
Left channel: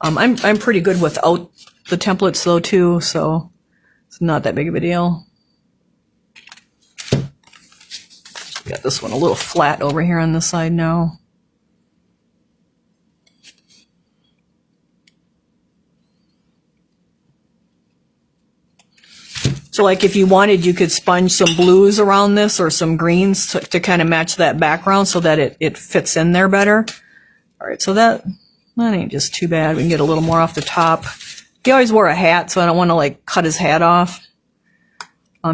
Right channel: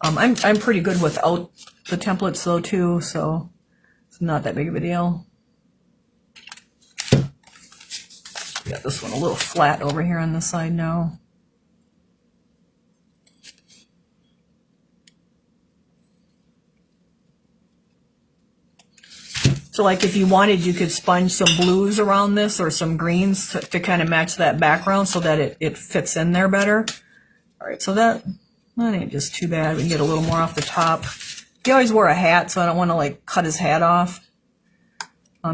I'm pretty good without the templates though too, so it's not that big of a deal. Got this one a little flat over here on this side now. So like if you wanted, you could sponge some blues around this or some greens to kind of match that background so that it fits in there better. All right, so that ain't just too bad. We can get a little more off the top. He always wore a hat, so I don't want to like cut his hat off.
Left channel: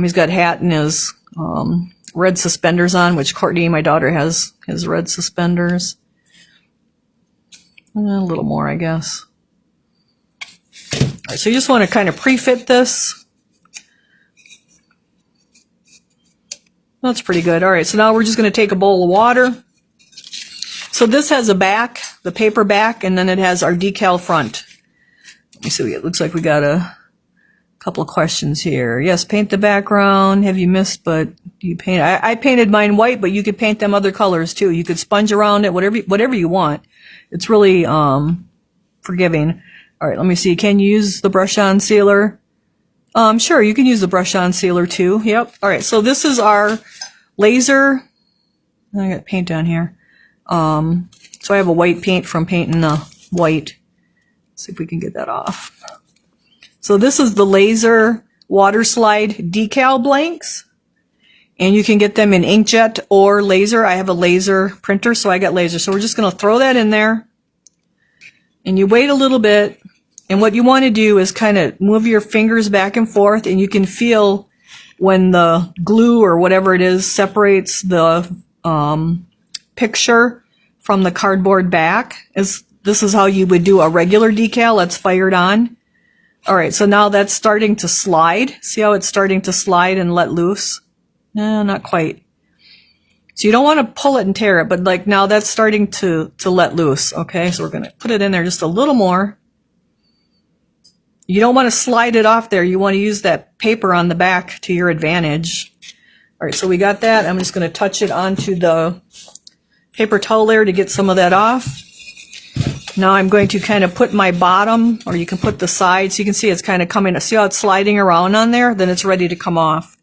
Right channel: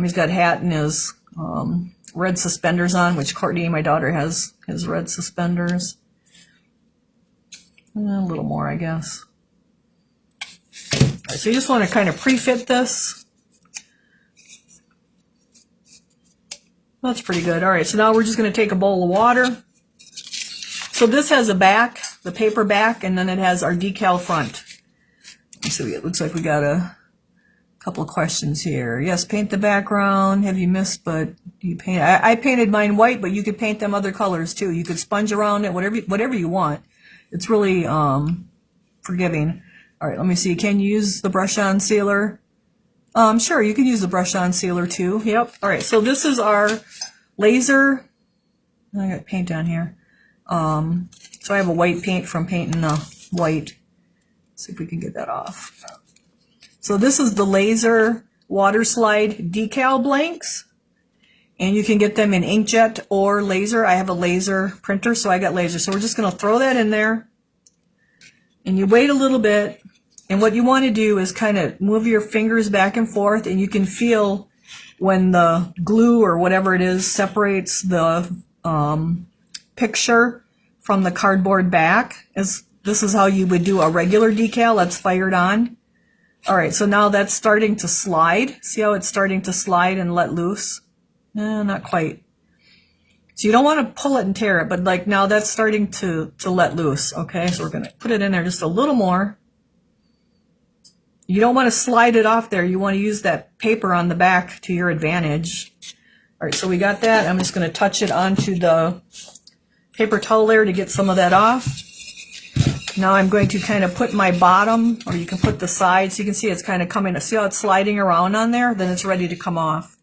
He's got hat and his red suspenders on, which Courtney, my daughter, has red suspenders. A little more, I guess. All right, so you just want to kind of pre-fit this. That's pretty good. All right, so now we're just going to take a bowl of water. So this has a back, the paper back, and then it has our decal front. Let me see, it looks like we got a couple of questions here. Yes, paint the background. Have you missed, but do you paint? I painted mine white, but you could paint them other colors too. You could sponge around it, whatever you want. It's really forgiving. All right, let me see. Can you use the brush-on sealer? Sure, you can use the brush-on sealer too. Yep. All right, so this is our laser. I got paint on here. So I have a white paint from painting the white. Let's see if we can get that off. So this is the laser water slide decal blanks. And you can get them in inkjet or laser. I have a laser printer, so I got laser. So we're just going to throw that in there. And you wait a little bit. And what you want to do is kind of move your fingers back and forth, and you can feel when the glue or whatever it is separates the picture from the cardboard back. This is how you would do a regular decal that's fired on. All right, so now that's starting to slide. See how it's starting to slide and let loose? No, not quite. So you don't want to pull it and tear it, but like now that's starting to let loose. Okay, so we're going to put it in there just a little more. You don't want to slide it off there. You want to use that paper on the back to your advantage. All right, so we got that. I'm just going to touch it onto the paper towel there to get some of that off. Now I'm going to kind of put my bottom, or you can put the sides. You can see it's kind of coming. See how it's sliding around on there? Then it's ready to come off.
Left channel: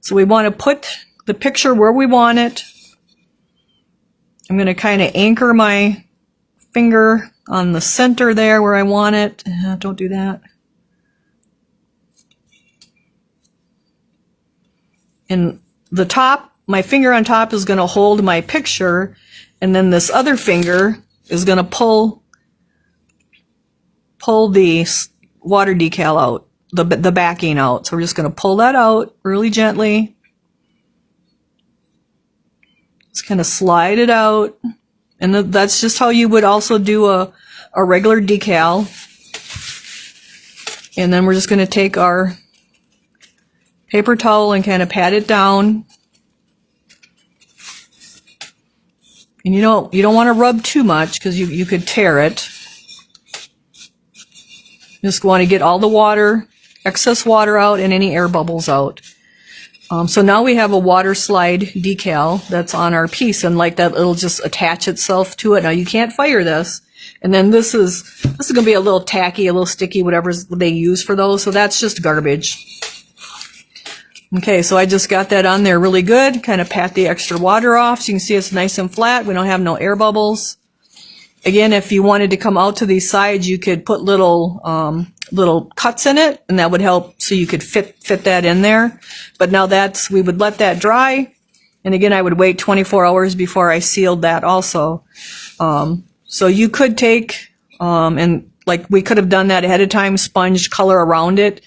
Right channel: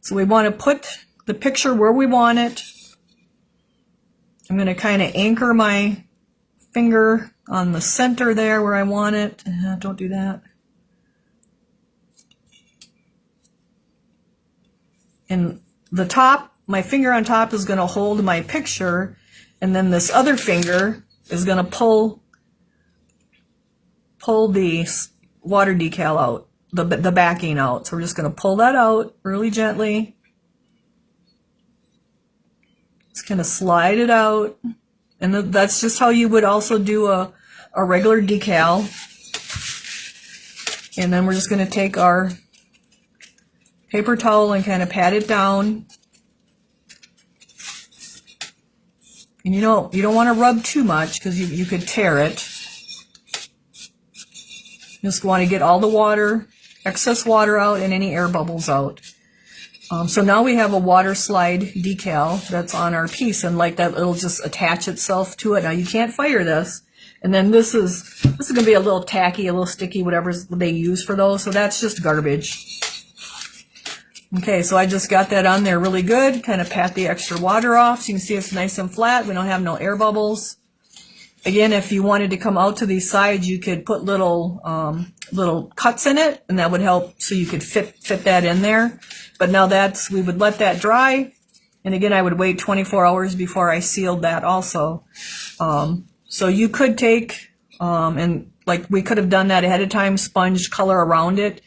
So we want to put the picture where we want it. I'm going to kind of anchor my finger on the center there where I want it. Don't do that. And the top, my finger on top is going to hold my picture, and then this other finger is going to pull the water decal out, the backing out. So we're just going to pull that out really gently. Just kind of slide it out. And that's just how you would also do a regular decal. And then we're just going to take our paper towel and kind of pat it down. And you don't want to rub too much because you could tear it. Just want to get all the water, excess water out, and any air bubbles out. So now we have a water slide decal that's on our piece, and like that, it'll just attach itself to it. Now you can't fire this, and then this is going to be a little tacky, a little sticky, whatever they use for those. So that's just garbage. Okay, so I just got that on there really good. Kind of pat the extra water off, so you can see it's nice and flat. We don't have no air bubbles. Again, if you wanted to come out to these sides, you could put little cuts in it, and that would help so you could fit that in there. But now we would let that dry, And again, I would wait 24 hours before I sealed that also. So you could take, and like we could have done that ahead of time, sponged color around it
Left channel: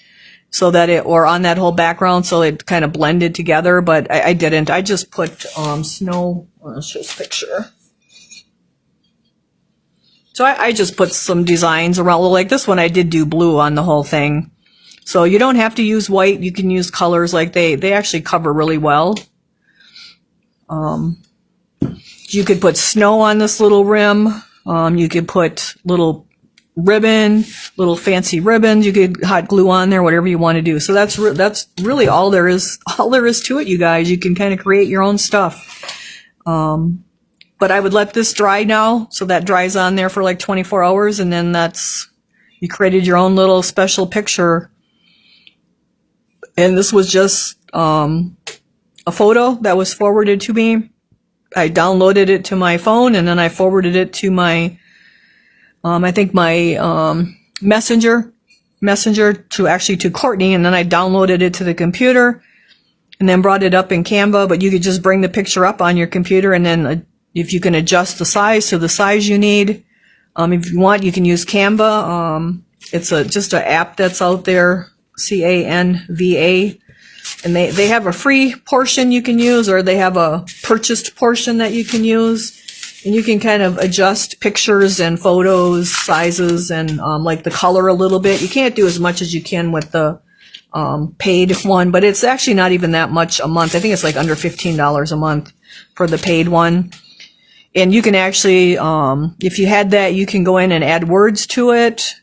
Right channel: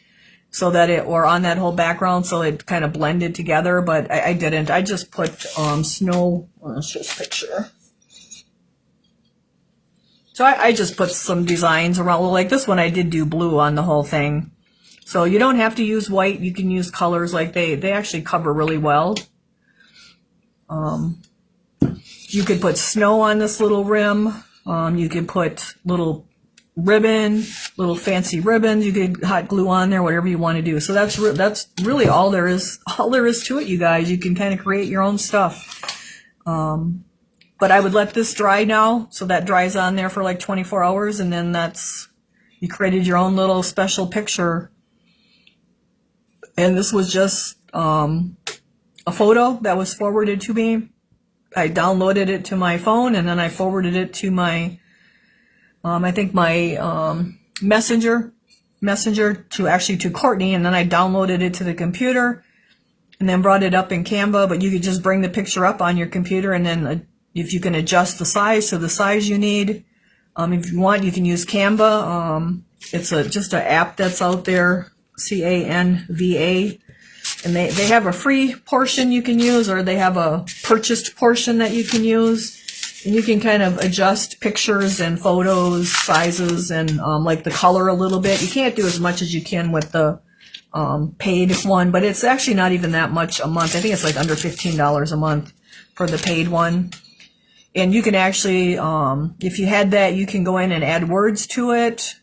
so that it, or on that whole background so it kind of blended together, but I didn't. I just put snow, let's just picture. So I just put some designs around, like this one I did do blue on the whole thing. So you don't have to use white, you can use colors, like they actually cover really well. You could put snow on this little rim. You could put little ribbon, little fancy ribbons. You could hot glue on there, whatever you want to do. So that's really all there is to it, you guys. You can kind of create your own stuff. But I would let this dry now, so that dries on there for like 24 hours, and then you created your own little special picture. And this was just a photo that was forwarded to me. I downloaded it to my phone, and then I forwarded it to my, I think my messenger to Courtney, and then I downloaded it to the computer, and then brought it up in Canva. But you could just bring the picture up on your computer, and then if you can adjust the size to the size you need. If you want, you can use Canva. It's just an app that's out there, Canva. And they have a free portion you can use, or they have a purchased portion that you can use. And you can kind of adjust pictures and photos, sizes, and like the color a little bit. You can't do as much as you can with the paid one, but it's actually not even that much a month. I think it's like under $15 a month for the paid one. And you can actually, if you had that, you can go in and add words to it.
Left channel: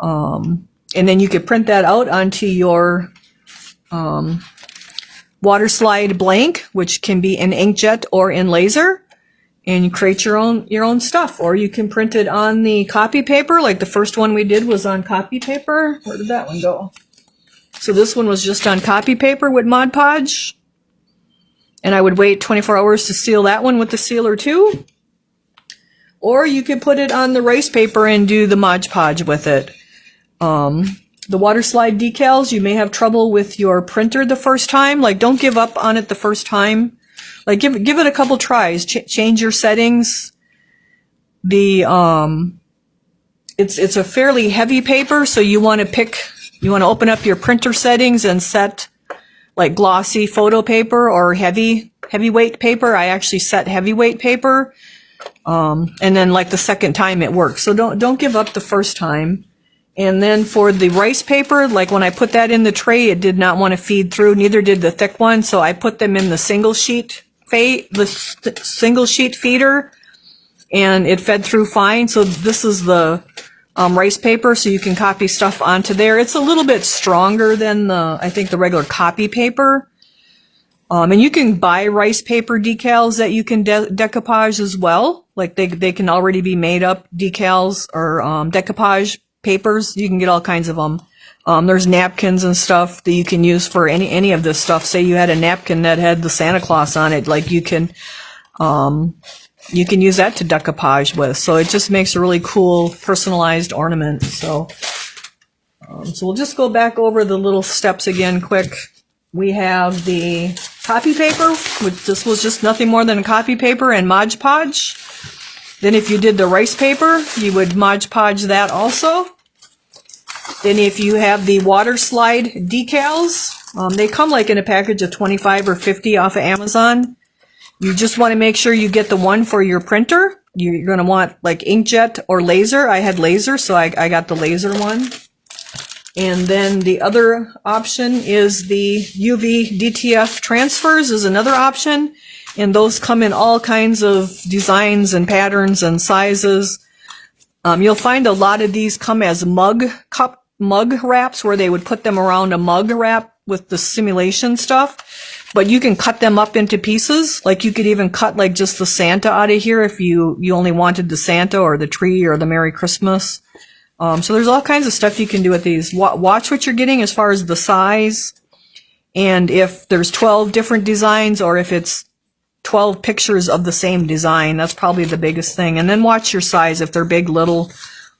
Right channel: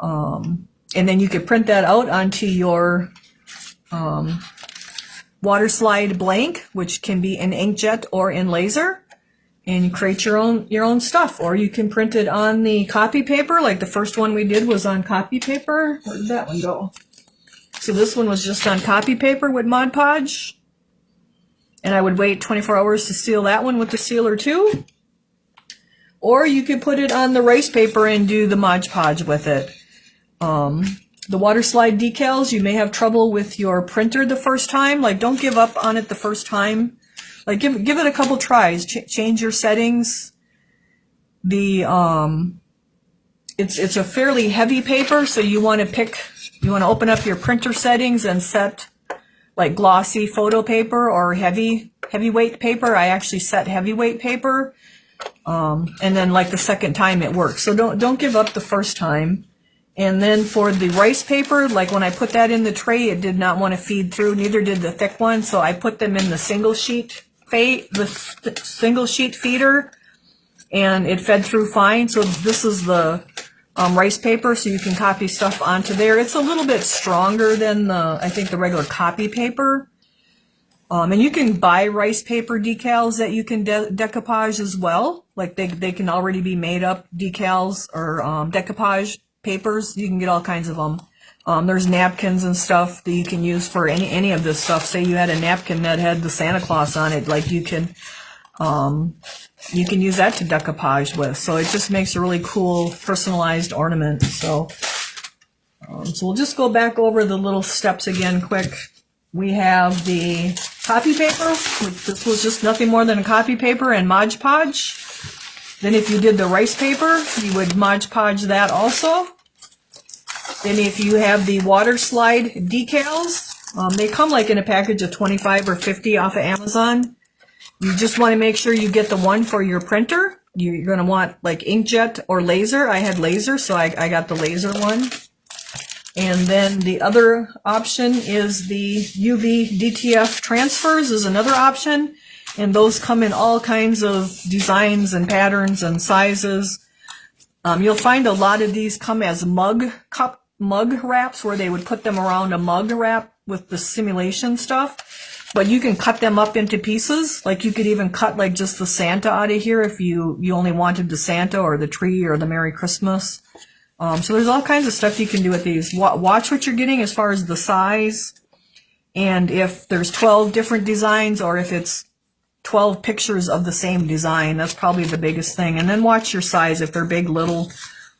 And then you could print that out onto your waterslide blank, which can be in inkjet or in laser, and you create your own stuff. Or you can print it on the copy paper, like the first one we did was on copy paper. Where did that one go? So this one was just on copy paper with Mod Podge, and I would wait 24 hours to seal that one with the sealer too. Or you could put it on the rice paper and do the Mod Podge with it. The waterslide decals, you may have trouble with your printer the first time. Like, don't give up on it the first time. Like, give it a couple tries. Change your settings. It's a fairly heavy paper, so you want to open up your printer settings and set like glossy photo paper or heavyweight paper. I actually set heavyweight paper, and then like the second time it works. So don't give up the first time. And then for the rice paper, like when I put that in the tray, it did not want to feed through. Neither did the thick one. So I put them in the single sheet feeder, and it fed through fine. So this is the rice paper, so you can copy stuff onto there. It's a little bit stronger than I think the regular copy paper. And you can buy rice paper decals that you can decoupage as well. Like they can already be made up decals or decoupage papers. You can get all kinds of them. There's napkins and stuff that you can use for any of this stuff. Say you had a napkin that had the Santa Claus on it, like you can use that to decoupage with. So it just makes a really cool personalized ornament. So we'll just go back over the little steps again quick. We have the copy paper, which this was just nothing more than a copy paper and Mod Podge. Then if you did the rice paper, you would Mod Podge that also. Then if you have the water slide decals, they come like in a package of 25 or 50 off of Amazon. You just want to make sure you get the one for your printer. You're going to want like inkjet or laser. I had laser, so I got the laser one. And then the other option is the UV DTR transfers is another option. And those come in all kinds of designs and patterns and sizes. You'll find a lot of these come as mug wraps, where they would put them around a mug wrap with the simulation stuff. But you can cut them up into pieces. Like you could even cut like just the Santa out of here if you only wanted the Santa or the tree or the Merry Christmas. So there's all kinds of stuff you can do with these. Watch what you're getting as far as the size. And if there's 12 different designs, or if it's 12 pictures of the same design, that's probably the biggest thing. And then watch your size, if they're big, little,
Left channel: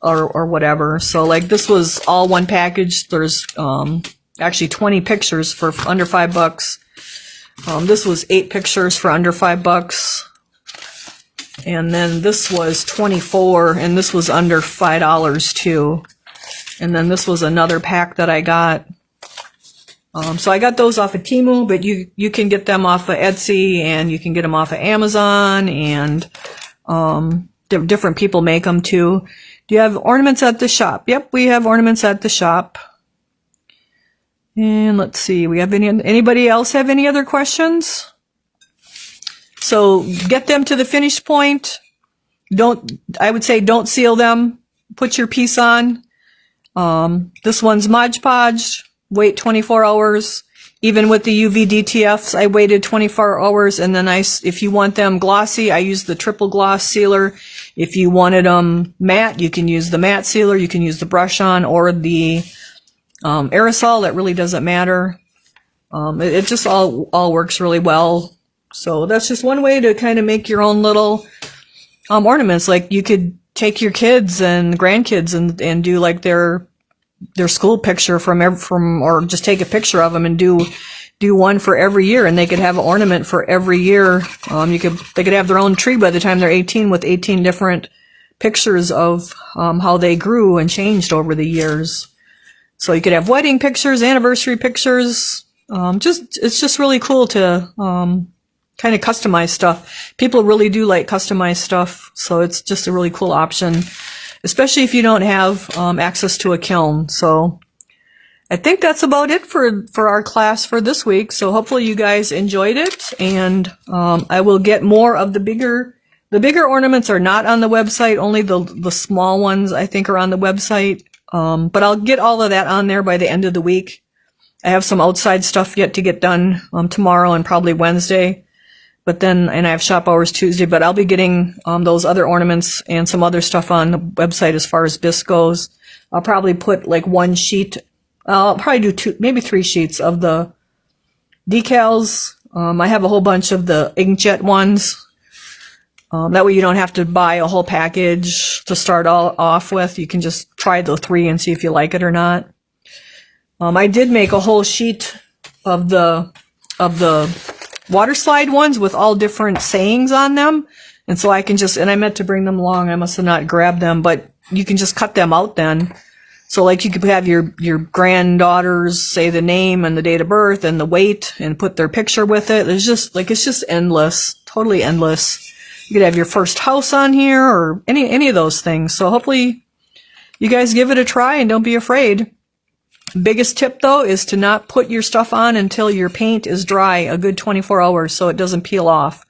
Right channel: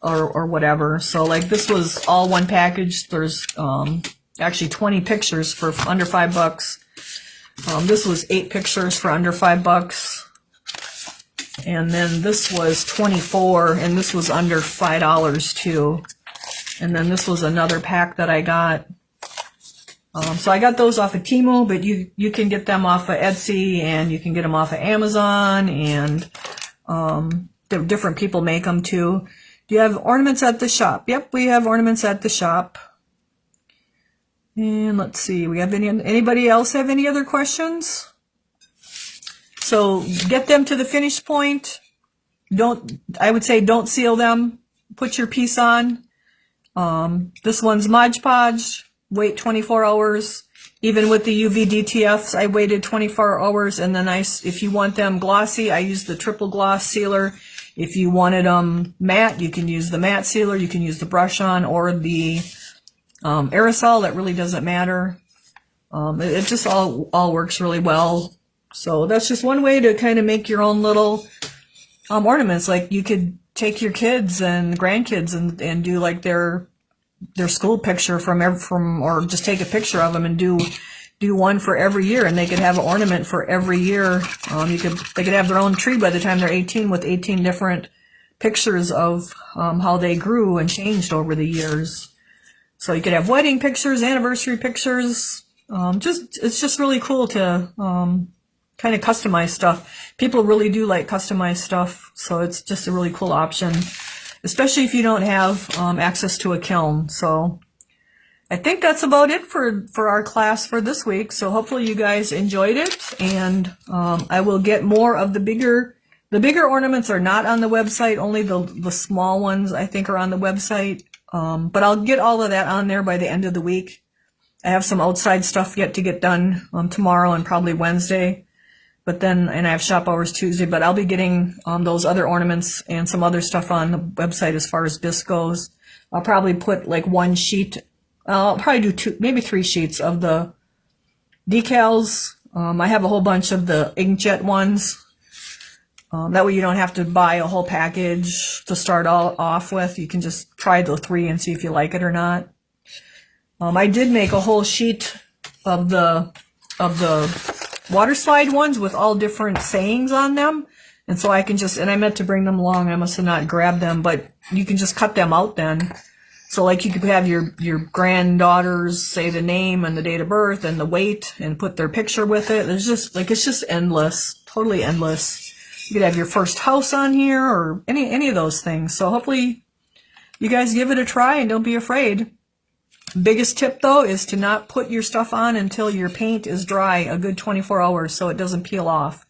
or whatever. So like this was all one package. There's actually 20 pictures for under $5. This was 8 pictures for under $5. And then this was 24, and this was under $5 too. And then this was another pack that I got. So I got those off of Temu, but you can get them off of Etsy, and you can get them off of Amazon, and different people make them too. Do you have ornaments at the shop? Yep, we have ornaments at the shop. And let's see, we have anybody else have any other questions? So get them to the finish point. I would say don't seal them. Put your piece on. This one's Mod Podge. Wait 24 hours. Even with the UV DTFs, I waited 24 hours. And then if you want them glossy, I use the triple gloss sealer. If you wanted them matte, you can use the matte sealer. You can use the brush on or the aerosol. That really doesn't matter. It just all works really well. So that's just one way to kind of make your own little ornaments. Like you could take your kids and grandkids and do like their school picture or just take a picture of them and do one for every year, and they could have an ornament for every year. They could have their own tree by the time they're 18 with 18 different pictures of how they grew and changed over the years. So you could have wedding pictures, anniversary pictures. It's just really cool to kind of customize stuff. People really do like customized stuff, so it's just a really cool option, especially if you don't have access to a kiln. So I think that's about it for our class for this week. So hopefully you guys enjoyed it, and I will get more of the bigger ornaments are not on the website. Only the small ones I think are on the website. But I'll get all of that on there by the end of the week. I have some outside stuff yet to get done tomorrow and probably Wednesday. And I have shop hours Tuesday, but I'll be getting those other ornaments and some other stuff on the website as far as bisque goes. I'll probably put like one sheet. I'll probably do 2, maybe 3 sheets of the decals. I have a whole bunch of the inkjet ones. That way you don't have to buy a whole package to start all off with. You can just try the 3 and see if you like it or not. I did make a whole sheet of the waterslide ones with all different sayings on them. And so I can and I meant to bring them along. I must have not grabbed them, but you can just cut them out then. So like you could have your granddaughters say the name and the date of birth and the weight and put their picture with it. It's just endless, totally endless. You could have your first house on here or any of those things. So hopefully you guys give it a try and don't be afraid. Biggest tip though is to not put your stuff on until your paint is dry a good 24 hours so it doesn't peel off.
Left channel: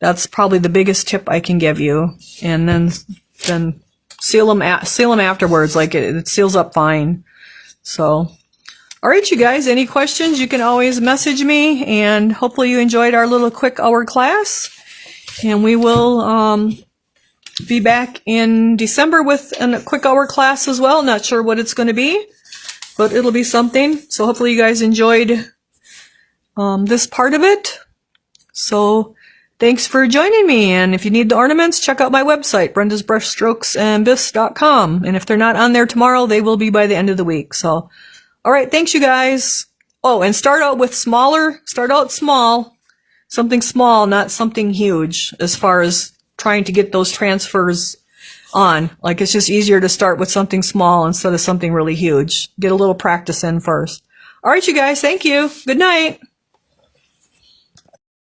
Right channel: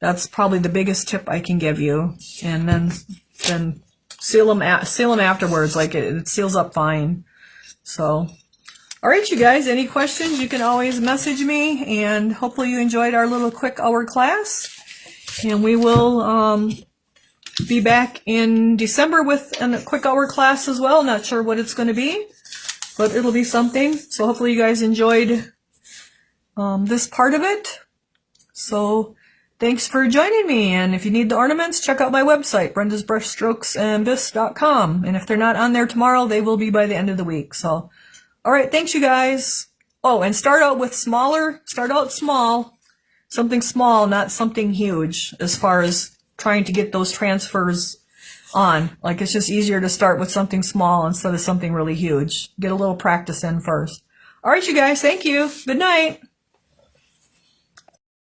That's probably the biggest tip I can give you. And then seal them afterwards. Like it seals up fine. So, all right, you guys, any questions, you can always message me, and hopefully you enjoyed our little quick hour class. And we will be back in December with a quick hour class as well. Not sure what it's going to be, but it'll be something. So hopefully you guys enjoyed this part of it. So thanks for joining me. And if you need the ornaments, check out my website, brendasbrushstrokesandbisque.com. And if they're not on there tomorrow, they will be by the end of the week. So, all right, thanks you guys. Oh, and start out small. Something small, not something huge, as far as trying to get those transfers on. Like, it's just easier to start with something small instead of something really huge. Get a little practice in first. All right, you guys, thank you. Good night.